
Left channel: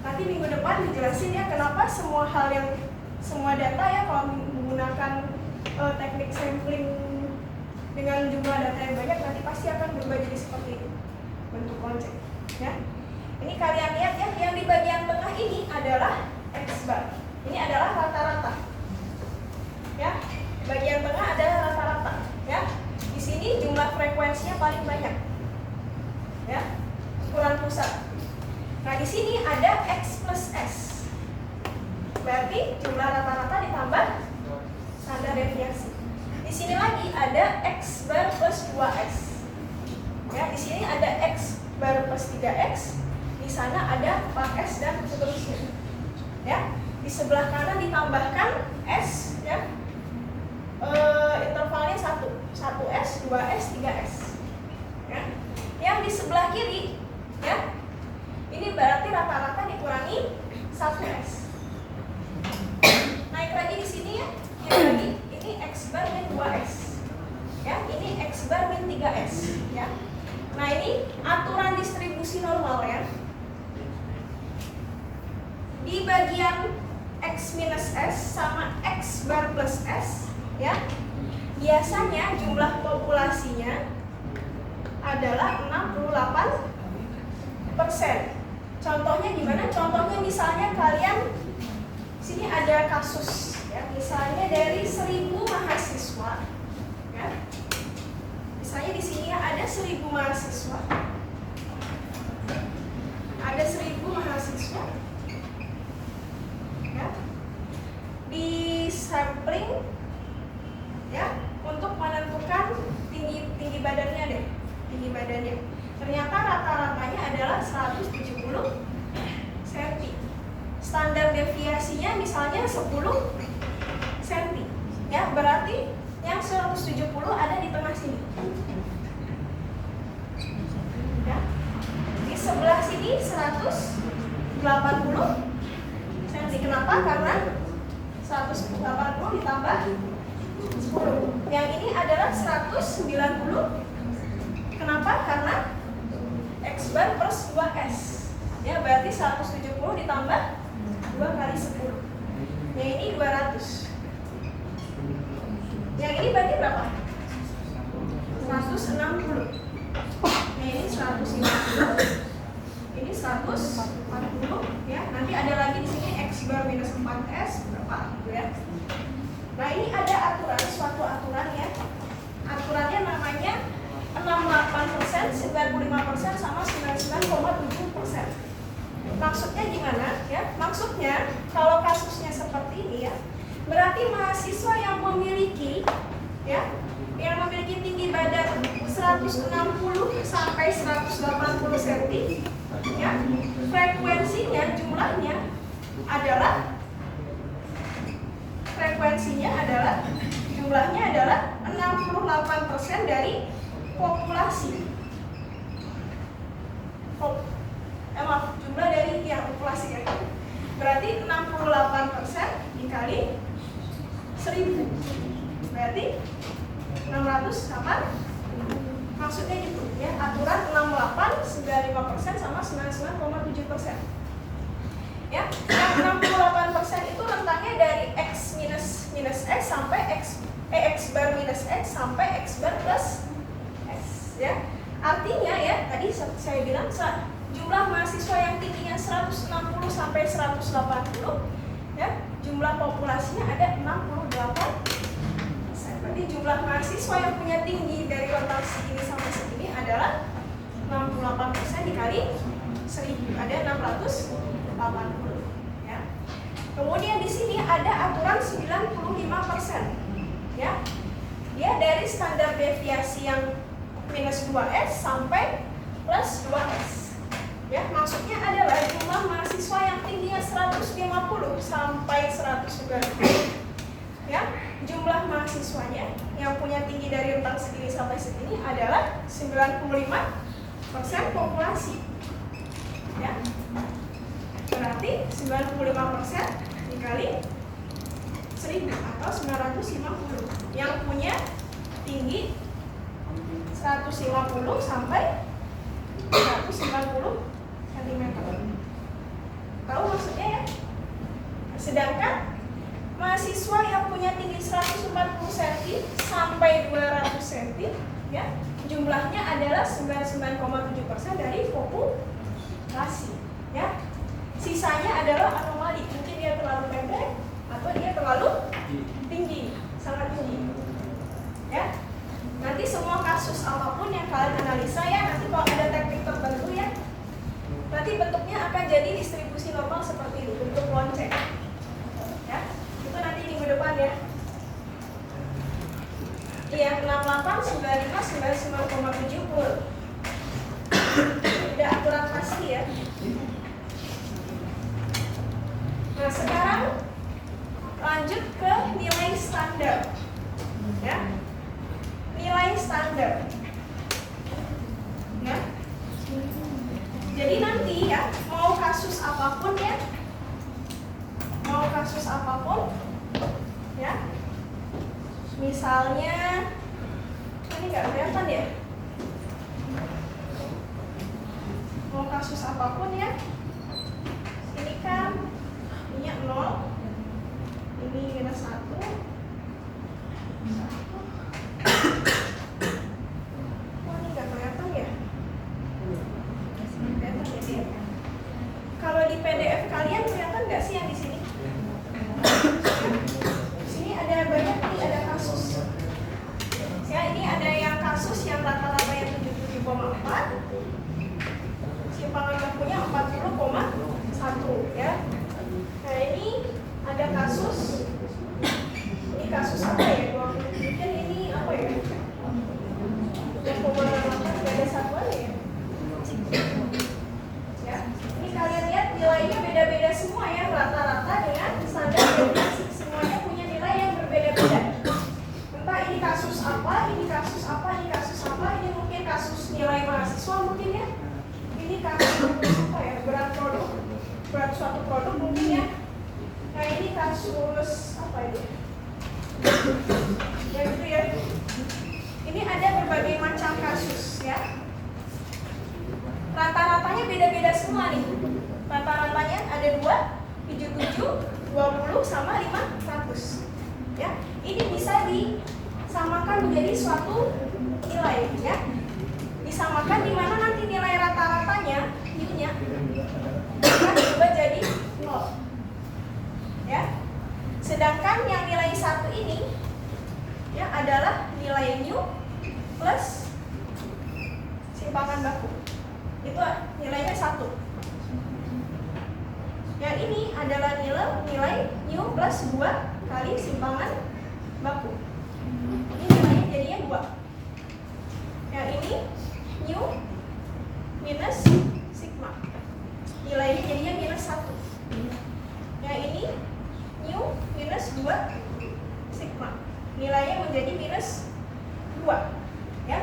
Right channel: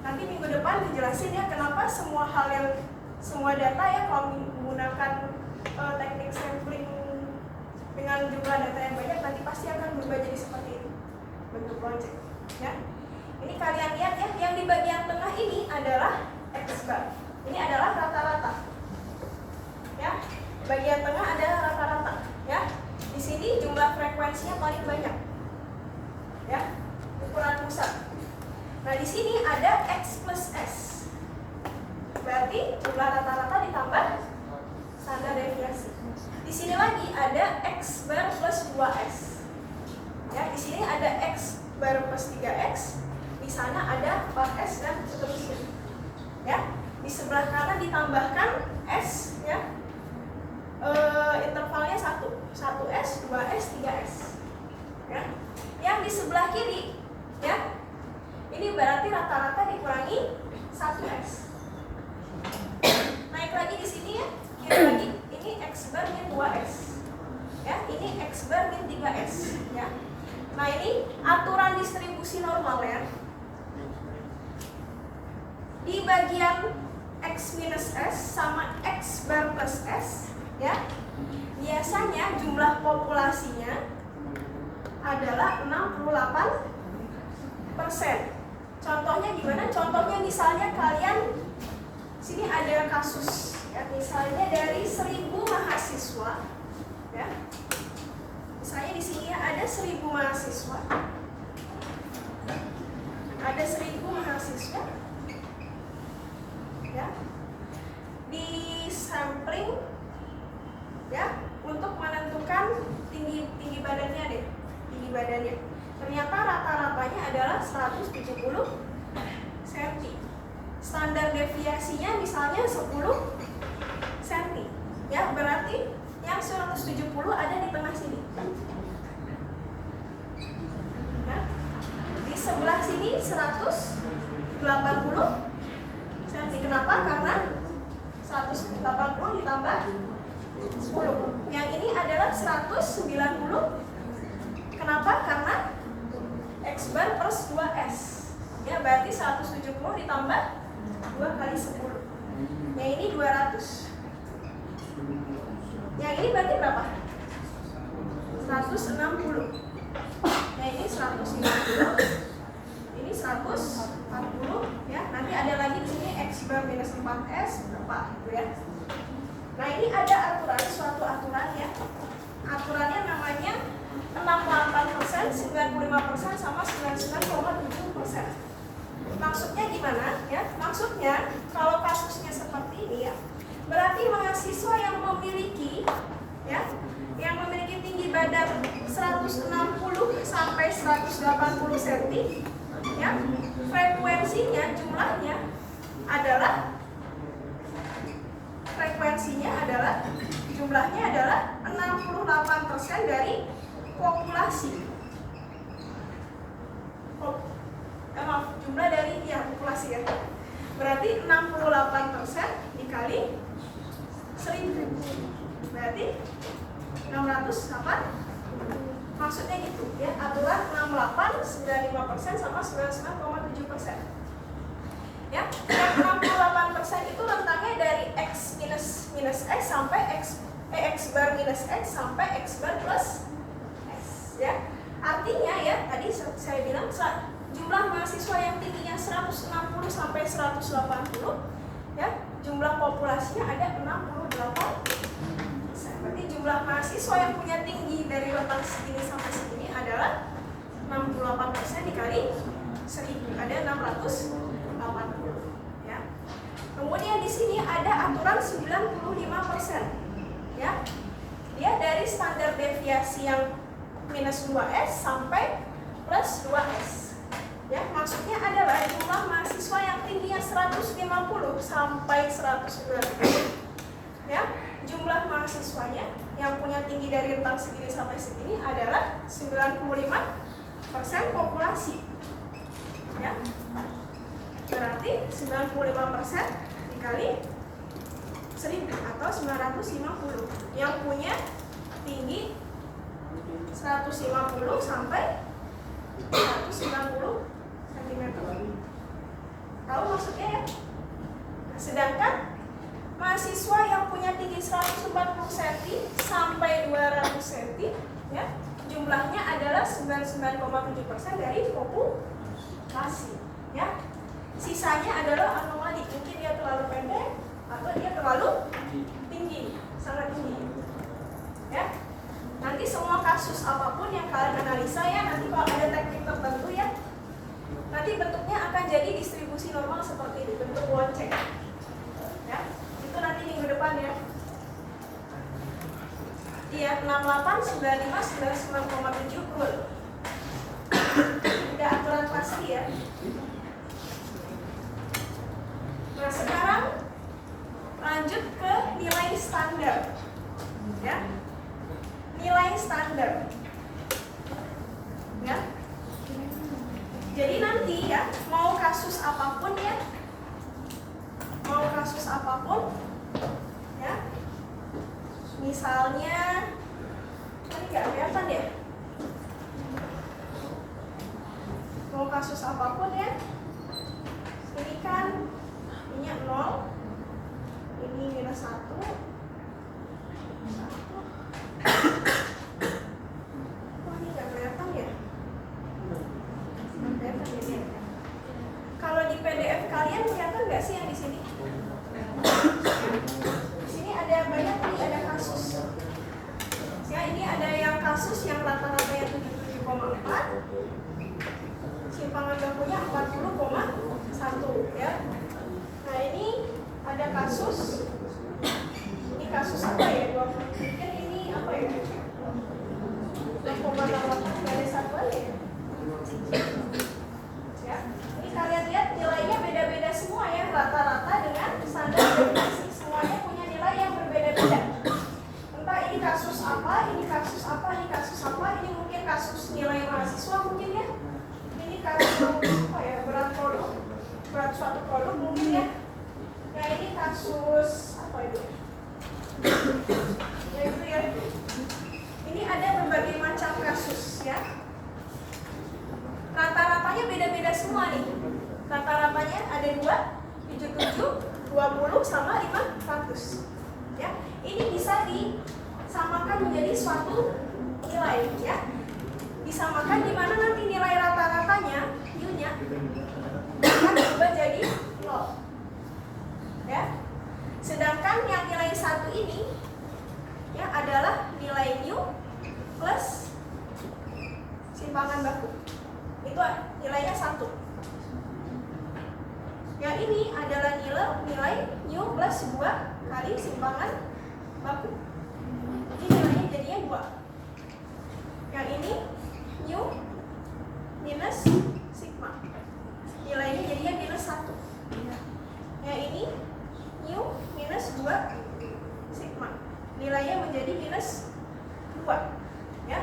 Nanti minggu depan dijelasin ya kenapa semua data ya kalau menggunakan teknik sampling dengan jumlah data yang banyak nanti pasti akan berubah jadi seperti ini bentuk lonceng, ya. Ini kalian lihat ya, yang di bagian tengah ini adalah X bar. Ini adalah rata-rata, ya. Bagian tengah adalah rata-rata, ya. Di sini jumlah frekuensinya paling banyak, ya. Ukuran pusat. Nah, di sini ada X plus S. Berarti jumlah rata-rata ditambah standar deviasi. Di sini lagi ada X bar plus 2S. Ya, di sini ada X bar plus 3X. Di sana ada 4S dan seterusnya. Ya, di sebelah kanan ditambahkan S, ya. Intervalnya 1S, 2S, 3S. Ya. Yang di sebelah kiri, ya, ini berarti rata-rata dikurangi 1S. Naik lagi di sini, ya, kiri lagi. Ini X bar min 2S. Ya, ini X bar min 3S. Ya. Nah, ini aturan distribusi normal, ya. Di bagian X minus S sama X bar plus S, ya, biasanya jumlah populasinya adalah 68%. Contohnya gimana? Contohnya misalnya kalian sini ada kasus, ya, misalnya dari 1000 mahasiswa, ya. Misalnya di sini ada 1000 mahasiswa. Ada 1000 mahasiswa. Ya. Di sampling, ya, untuk menentukan tinggi badannya deh. Tinggi badannya. Ternyata rata-ratanya adalah 170 cm. Standar deviasinya misalnya 10 cm. Ya, berarti yang 170 ada di tengah sini. Ya. Di sebelah sini 180 cm. Kenapa? Karena 180 ditambah 10. Yang ini adalah 190. Kenapa? Karena X bar plus 2S. Ya, berarti 170 ditambah 2 kali 10. Yang ini 200. Yang ini berarti berapa? 160. Nah, ini 150. Ini 140, ya. Nanti ada lagi di sini X bar minus 4S berapa gitu, ya. Nah, ini ada aturan, suatu aturan, ya. Aturannya namanya 68%, 95% sama 99,7%. Maksudnya gimana, ya? Maksudnya kalau kasusnya seperti ini, ya, berarti mahasiswa yang memiliki, ya, yang memiliki tinggi badan 160 sampai 180 cm, ya, frekuensinya jumlahnya adalah jumlahnya adalah 68% dari populasi. Jumlah dari, ya, populasi, ya. Berarti 68% dikali 1000. Berarti 608. Maksudnya gitu, ya. Aturan 68, 95% sama 99,7%. Ya, yang 68% itu rentangnya dari X minus X sampai X bar minus X sampai X bar plus X, ya. Artinya, ya, tadi saya bilang jumlah mahasiswa yang tingginya 160 sampai 180, ya, jumlah populasinya ada 68%. Berarti jumlah mahasiswa yang punya tinggi dari rentang segini sampai segini adalah 68% dikali 1000, ada 680, ya. Kemudian di sini ada aturan 95%, ya. Dia dari standar deviasi yang minus 2S sampai plus 2S. Ya, maksudnya adalah jumlah mahasiswa yang tingginya 150 sampai 190, ya, jumlah mahasiswanya yang punya tinggi dari rentang segini sampai segini adalah 95% populasi, ya. Berarti 95% dikali 1000 atau 950 yang punya tinggi 150 sampai 190 cm. Tahu maksudnya, ya? Sedangkan mahasiswa yang punya tinggi 140 cm sampai 200 cm, ya, jumlahnya adalah 99,7% dari populasi, ya. Sisanya adalah anomali, mungkin dia terlalu pendek atau dia terlalu tinggi, sangat tinggi, ya. Nanti semua kasus apapun yang kalian analisa, ya, nanti kalau ada teknik tertentu, ya, nanti bentuknya akan jadi distribusi normal seperti ini, bentuk lonceng. Ya, itu nanti minggu depan ya. Iya, 68, 95, 99,70. Tidak aturan pasti ya. Nah, sekarang lanjut ke nilai standar. Ya. Nilai standar. Ya. Jadi nanti ya, mau kasus apapun ya. Mau kasus apapun ya. Misalnya ini nggak kelihatan ya. Mau kasus apapun ya. Ini kan minyak 0, ini minus 1. Oh, ini nggak kelihatan ya. Kalau di PDF kalian kelihatan nggak sih yang di sini? Di sini ada banyak nih, ada kasus. Ya, ini ada yang kasus yang rata-rata yang 77,4. Simpangan bakunya 40,1 ya. Nah, ini ada kasus. Ini kasus apa ya? Mungkin ini apa ya? 6,8 nggak ada satuan ya. Ya, ini kalian lihat nilainya beda-beda semua ya, rata-rata dengan standar deviasi. Semuanya punya nilai yang berbeda-beda. Entah ini kasus apa, ini kasus apa, ini kasus apa, ini mungkin kasus nilai mahasiswa mungkin ya. Ini kasus apa ya, berat suatu produk mungkin ya. Nah, ini kasus apa ini? Ya gitu ya. Ini ada berbagai macam kasus ya. Rata-ratanya beda-beda semua nih. Rata-ratanya ada 2, 77, 20 sama 500. Ya. Ini bisa disamakan menjadi suatu nilai ya. Disamakan di mana nanti nilai rata-ratanya U-nya akan berubah jadi 0. Ya. Sedangkan yang nilai 1 ini ya adalah nilai U plus simpangan baku. Itu nilainya 1. Yang ini adalah nilai U plus 2 kali simpangan baku. Ini nilainya jadinya 2. Yang ini U minus sigma. Nilainya jadinya minus 1. Yang ini U minus 2 sigma. Nilainya menjadi minus 2. Ya.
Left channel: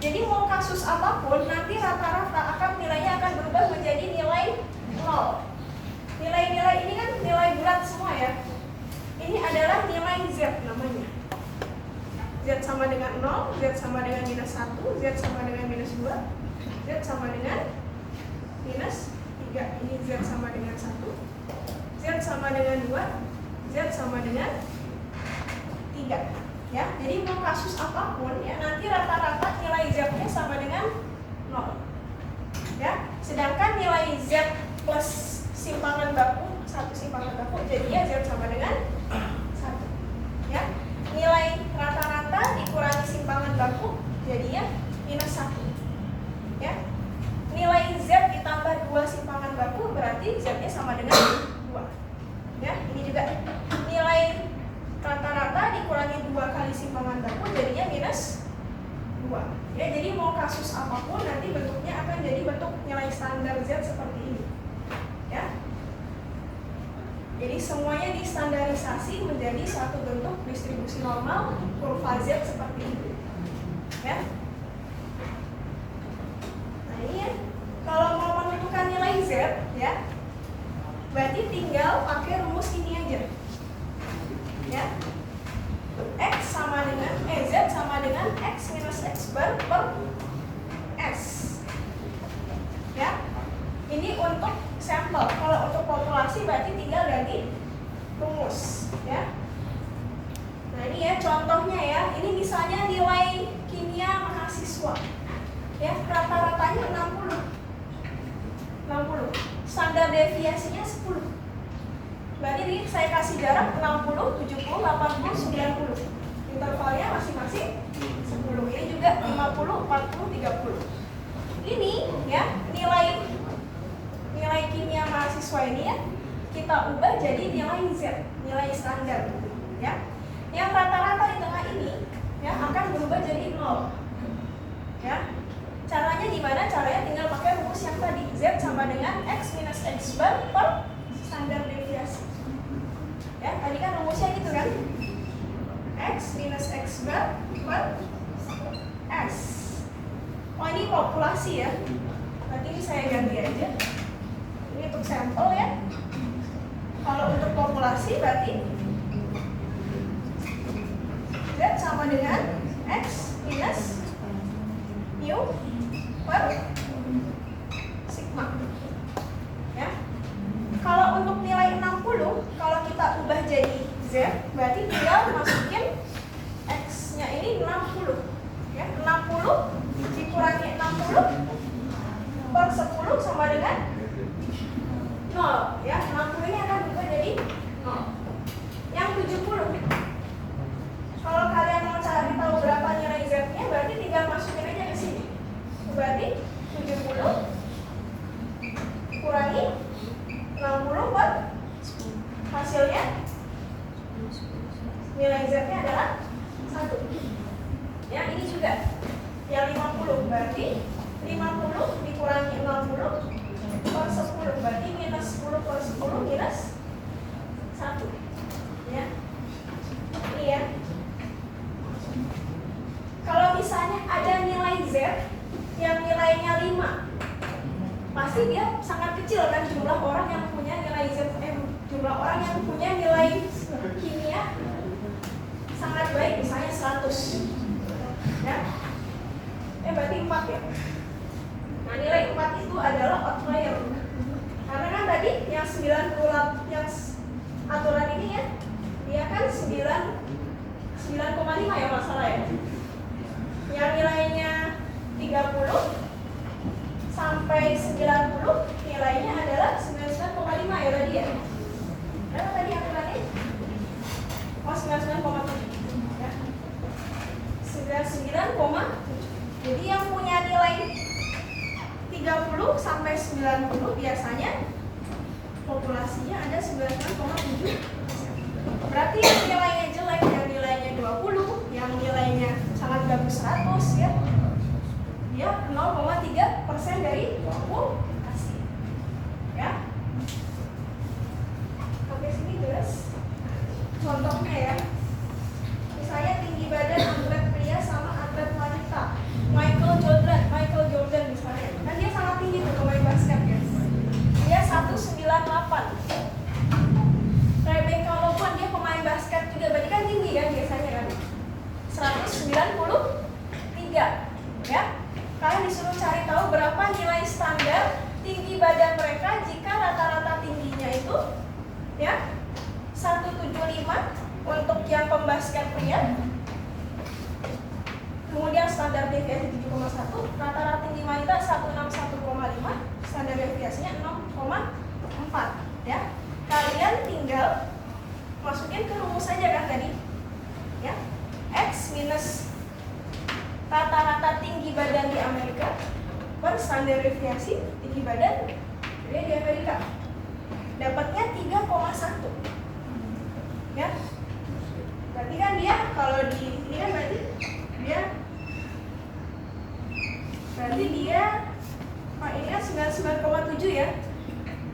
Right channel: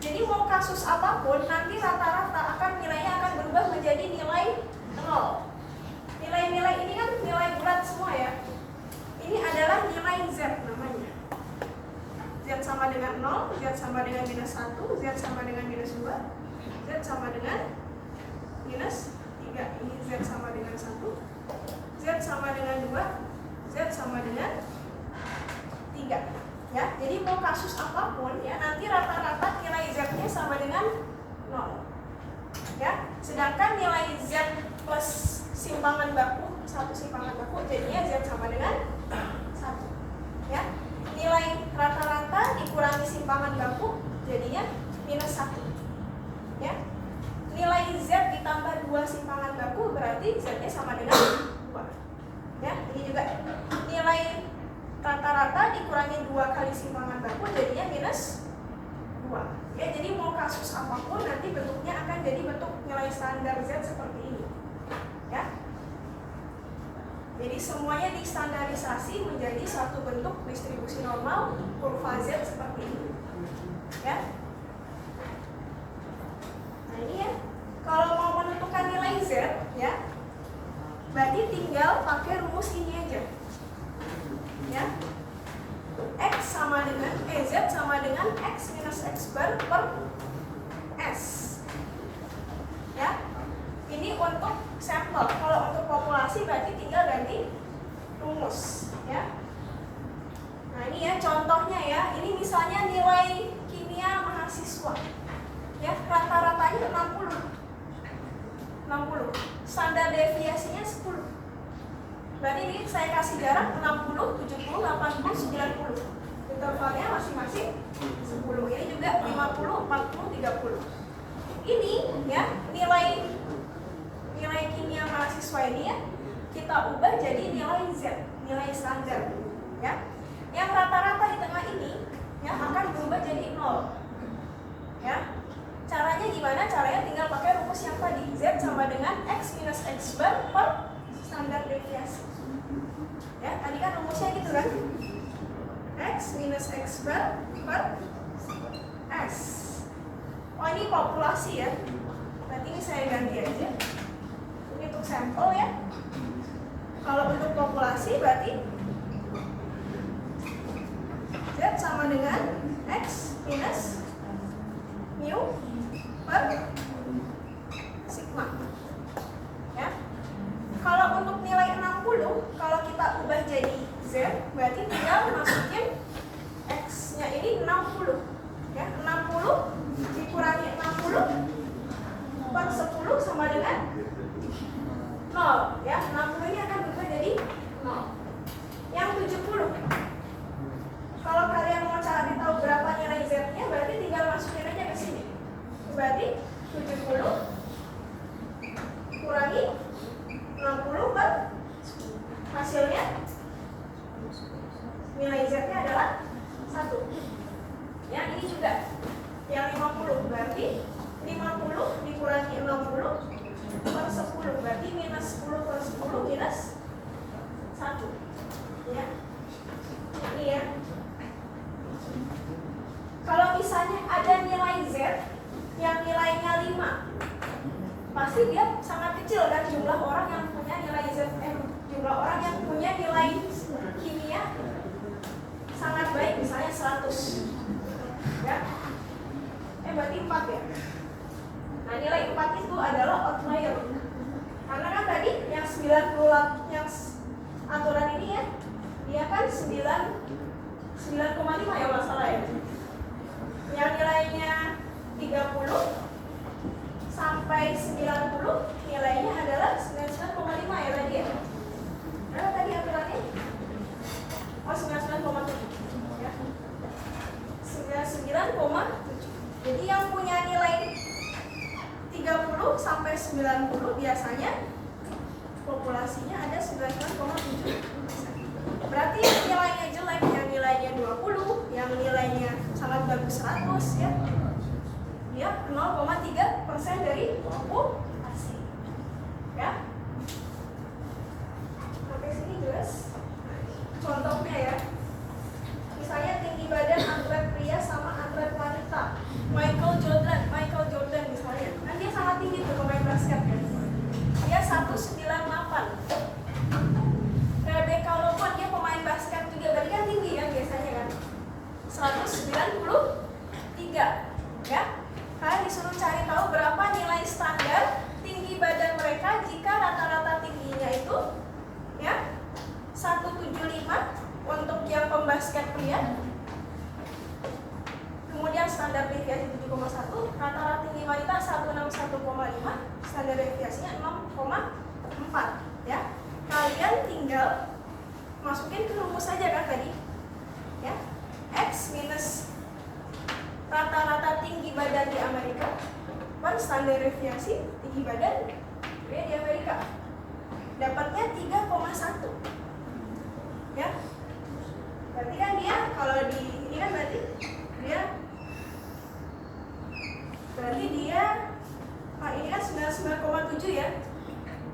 Jadi mau kasus apapun nanti rata-rata akan nilainya akan berubah menjadi nilai 0. Nilai-nilai ini kan nilai bulat semua ya. Ini adalah nilai Z namanya. Z sama dengan 0, Z sama dengan minus 1, Z sama dengan minus 2, Z sama dengan minus 3. Ini Z sama dengan 1, Z sama dengan 2, Z sama dengan 3. Ya, jadi mau kasus apapun ya nanti rata-rata nilai Z-nya sama dengan 0. Ya, sedangkan nilai Z plus simpangan baku, 1 simpangan baku jadinya Z sama dengan 1. Ya. Nilai rata-rata dikurangi simpangan baku jadinya minus 1. Ya. Nilai Z ditambah 2 simpangan baku berarti Z-nya sama dengan 2. Ya, ini juga nilai rata-rata dikurangi 2 kali simpangan baku jadinya minus 2. Ya, jadi mau kasus apapun nanti bentuknya akan jadi bentuk nilai standar Z seperti ini. Ya. Jadi semuanya distandarisasi menjadi satu bentuk distribusi normal kurva Z seperti ini. Ya. Nah, ini ya. Kalau mau menentukan nilai Z ya, berarti tinggal pakai rumus ini aja. Ya. X sama dengan Z sama dengan X minus X bar per S. Ya. Ini untuk sampel. Kalau untuk populasi berarti tinggal ganti rumus, ya. Nah, ini ya contohnya ya. Ini misalnya nilai kimia mahasiswa. Ya, rata-ratanya 60. Standar deviasinya 10. Berarti ini saya kasih jarak 60, 70, 80, 90. Intervalnya masing-masing 10. Ini juga 50, 40, 30. Ini ya nilai nilai kimia mahasiswa ini ya kita ubah jadi nilai Z, nilai standar ya. Yang rata-rata di tengah ini ya akan berubah jadi 0 ya. Caranya gimana? Caranya tinggal pakai rumus yang tadi, Z sama dengan X minus X bar per standar deviasi ya. Tadi kan rumusnya gitu kan, X minus X bar per S. Oh ini populasi ya, nanti ini saya ganti aja, ini untuk sampel ya. Kalau untuk populasi berarti Z sama dengan X minus mu per sigma ya. Kalau untuk nilai 60, kalau kita ubah jadi Z berarti tinggal masukin X nya ini 60 ya. 60 dikurangi 60 per 10 sama dengan 0 ya. 60 ini akan berubah jadi 0. Yang 70, kalau kalian mau cari tahu berapa nilai Z nya berarti tinggal masukin aja ke sini. Berarti 70 kurangi 60 per hasilnya nilai Z nya adalah 1 ya. Ini juga yang 50 berarti 50 dikurangi 60 per 10 berarti minus 10 per 10 minus 1 ya. Ini ya. Kalau misalnya ada nilai Z yang nilainya 5, pasti dia sangat kecil kan jumlah orang yang punya nilai Z, jumlah orang yang punya nilai kimia sangat baik, misalnya 100 ya. Berarti 4 ya. Nah nilai 4 itu adalah outlier, karena kan tadi yang 90 yang aturan ini ya, dia kan 9,5 ya masalah ya. Yang nilainya 30 sampai 90 nilainya adalah 99,5 ya tadi ya. Berapa tadi aturannya? Oh 99,7 ya. 99,7. Jadi yang punya nilai 30 sampai 90 biasanya populasinya ada 99,7. Berarti yang nilainya jelek, yang nilainya 20, yang nilainya sangat bagus 100 ya, dia 0,3% dari populasi ya. Sampai sini jelas. Contohnya ya, misalnya tinggi badan atlet pria sama atlet wanita, Michael Jordan misalnya, kan dia sangat tinggi tuh pemain basket ya, dia 198. Rebecca Lobo dia pemain basket juga, berarti kan tinggi ya biasanya kan, 193 ya. Kalian disuruh cari tahu berapa nilai standar tinggi badan mereka jika rata-rata tingginya itu ya 175 untuk yang pembasket pria, kemudian standar deviasi 7,1, rata-rata tinggi wanita 161,5, standar deviasinya 0,4 ya. Kalian tinggal masukin ke rumus saja kan tadi ya, X minus rata-rata tinggi badan di Amerika per standar deviasi tinggi badan di Amerika, dapatnya 3,1 ya. Berarti kan dia kalau di ini kan berarti dia ini kan 99,7 ya,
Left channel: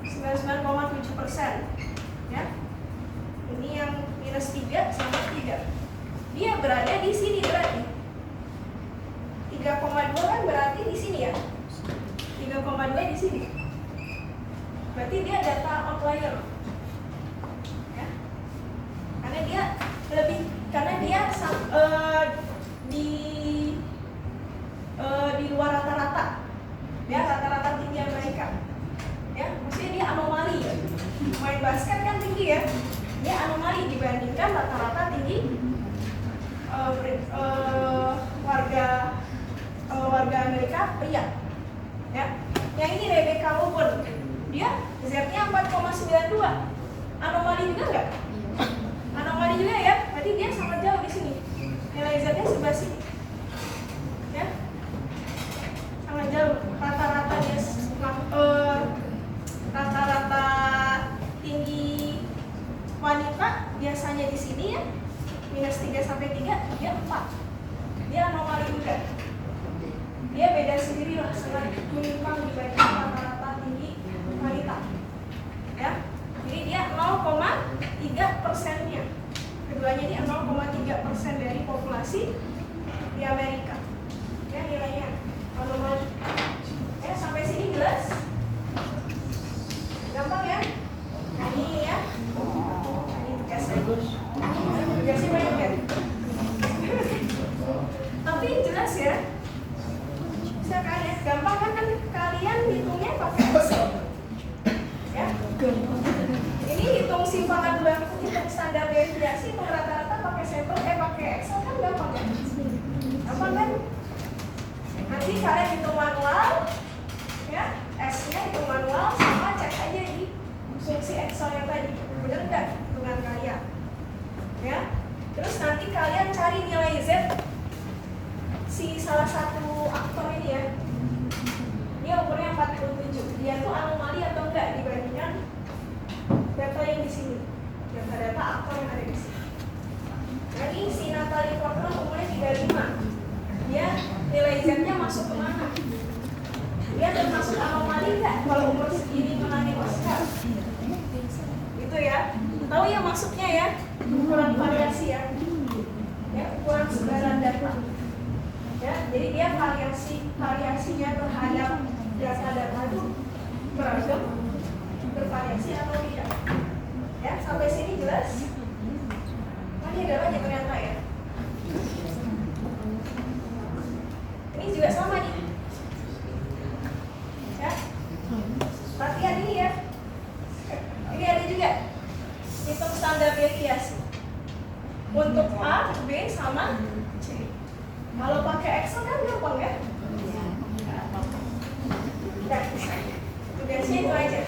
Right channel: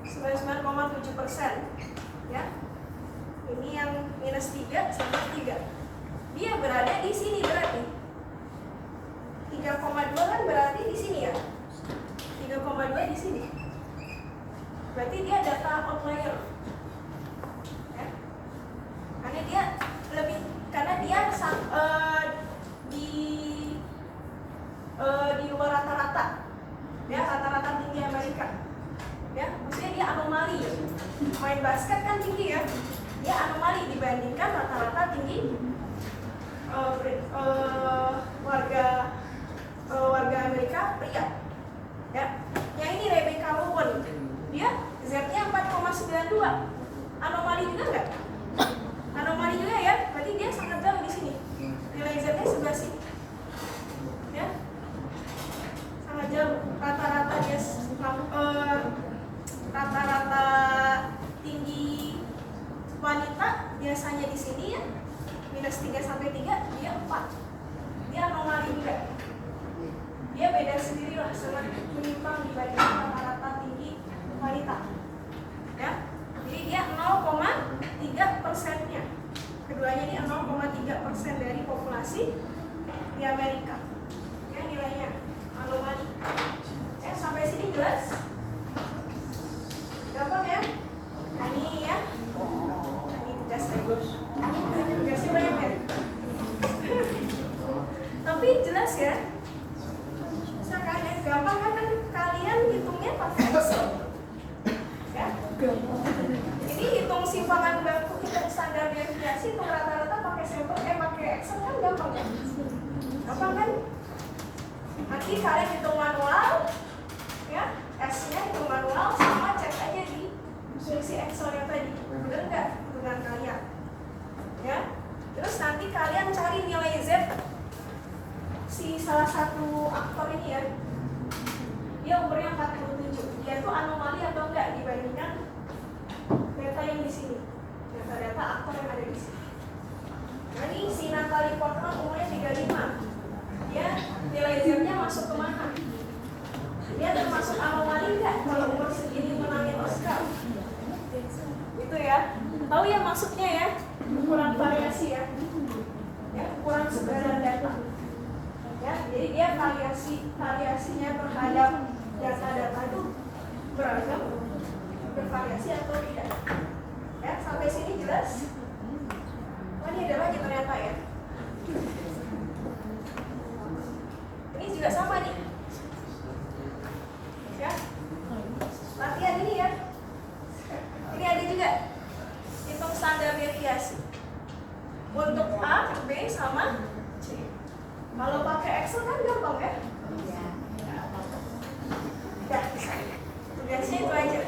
99,7% ya. Ini yang minus 3 sama 3, dia berada di sini berarti 3,2 kan berarti di sini ya, 3,2 di sini, berarti dia data outlier ya. Karena dia lebih, karena dia di luar rata-rata ya, rata-rata tinggi Amerika ya. Maksudnya dia anomali ya, main basket kan tinggi ya, dia anomali dibandingkan rata-rata tinggi warga Amerika pria ya. Yang ini Rebecca Lobo, dia Z-nya 4,92, anomali juga nggak? Anomali juga ya, berarti dia sangat jauh di sini, nilai Z-nya sebelah sini ya, sangat jauh. Rata-rata dia Dia anomali juga. Dia beda sendiri lah, sangat menyimpang dibanding rata-rata tinggi kualitas. Ya, jadi dia 0,3%-nya. Keduanya ini 0,3% dari populasi di Amerika. Ya, nilainya anomali. Ya, sampai sini jelas? Gampang ya? Ini ya. Ini tugas lagi. Tugasnya banyak ya. Tapi jelas ya. Bisa kalian gampang kan kalian hitungnya pakai Excel. Ya. Ini hitung simpangan baku, hitung standar deviasi, hitung rata-rata pakai sampel, pakai Excel kan gampang kan? Gampang kan? Nanti kalian hitung manual, ya, S-nya hitung manual, sama cek aja di fungsi Excel-nya tadi, bener nggak hitungan kalian? Ya, terus nanti kalian cari nilai Z si salah satu aktor ini ya. Dia umurnya 47. Dia tuh anomali atau enggak dibandingkan data yang di sini, data-data aktor yang ada di sini. Nah, ini si Natalie Portman umurnya 35. Dia nilai Z-nya masuk kemana? Dia termasuk anomali nggak kalau umur segini menangin Oscar? Itu ya. Tahu ya masuknya ya, ukuran variasi ya. Ya, ukuran sebaran data. Ya, jadi dia variasinya terhadap data-data itu beragam, bervariasi atau tidak. Ya, sampai sini jelas? Oh, ini ada lagi ternyata ya. Ini juga sama nih. Ya, latihan ini ya. Ini ada juga hitung standar deviasi untuk A, B sama C. Kalau pakai Excel kan gampang ya? Ya, tugasnya itu aja.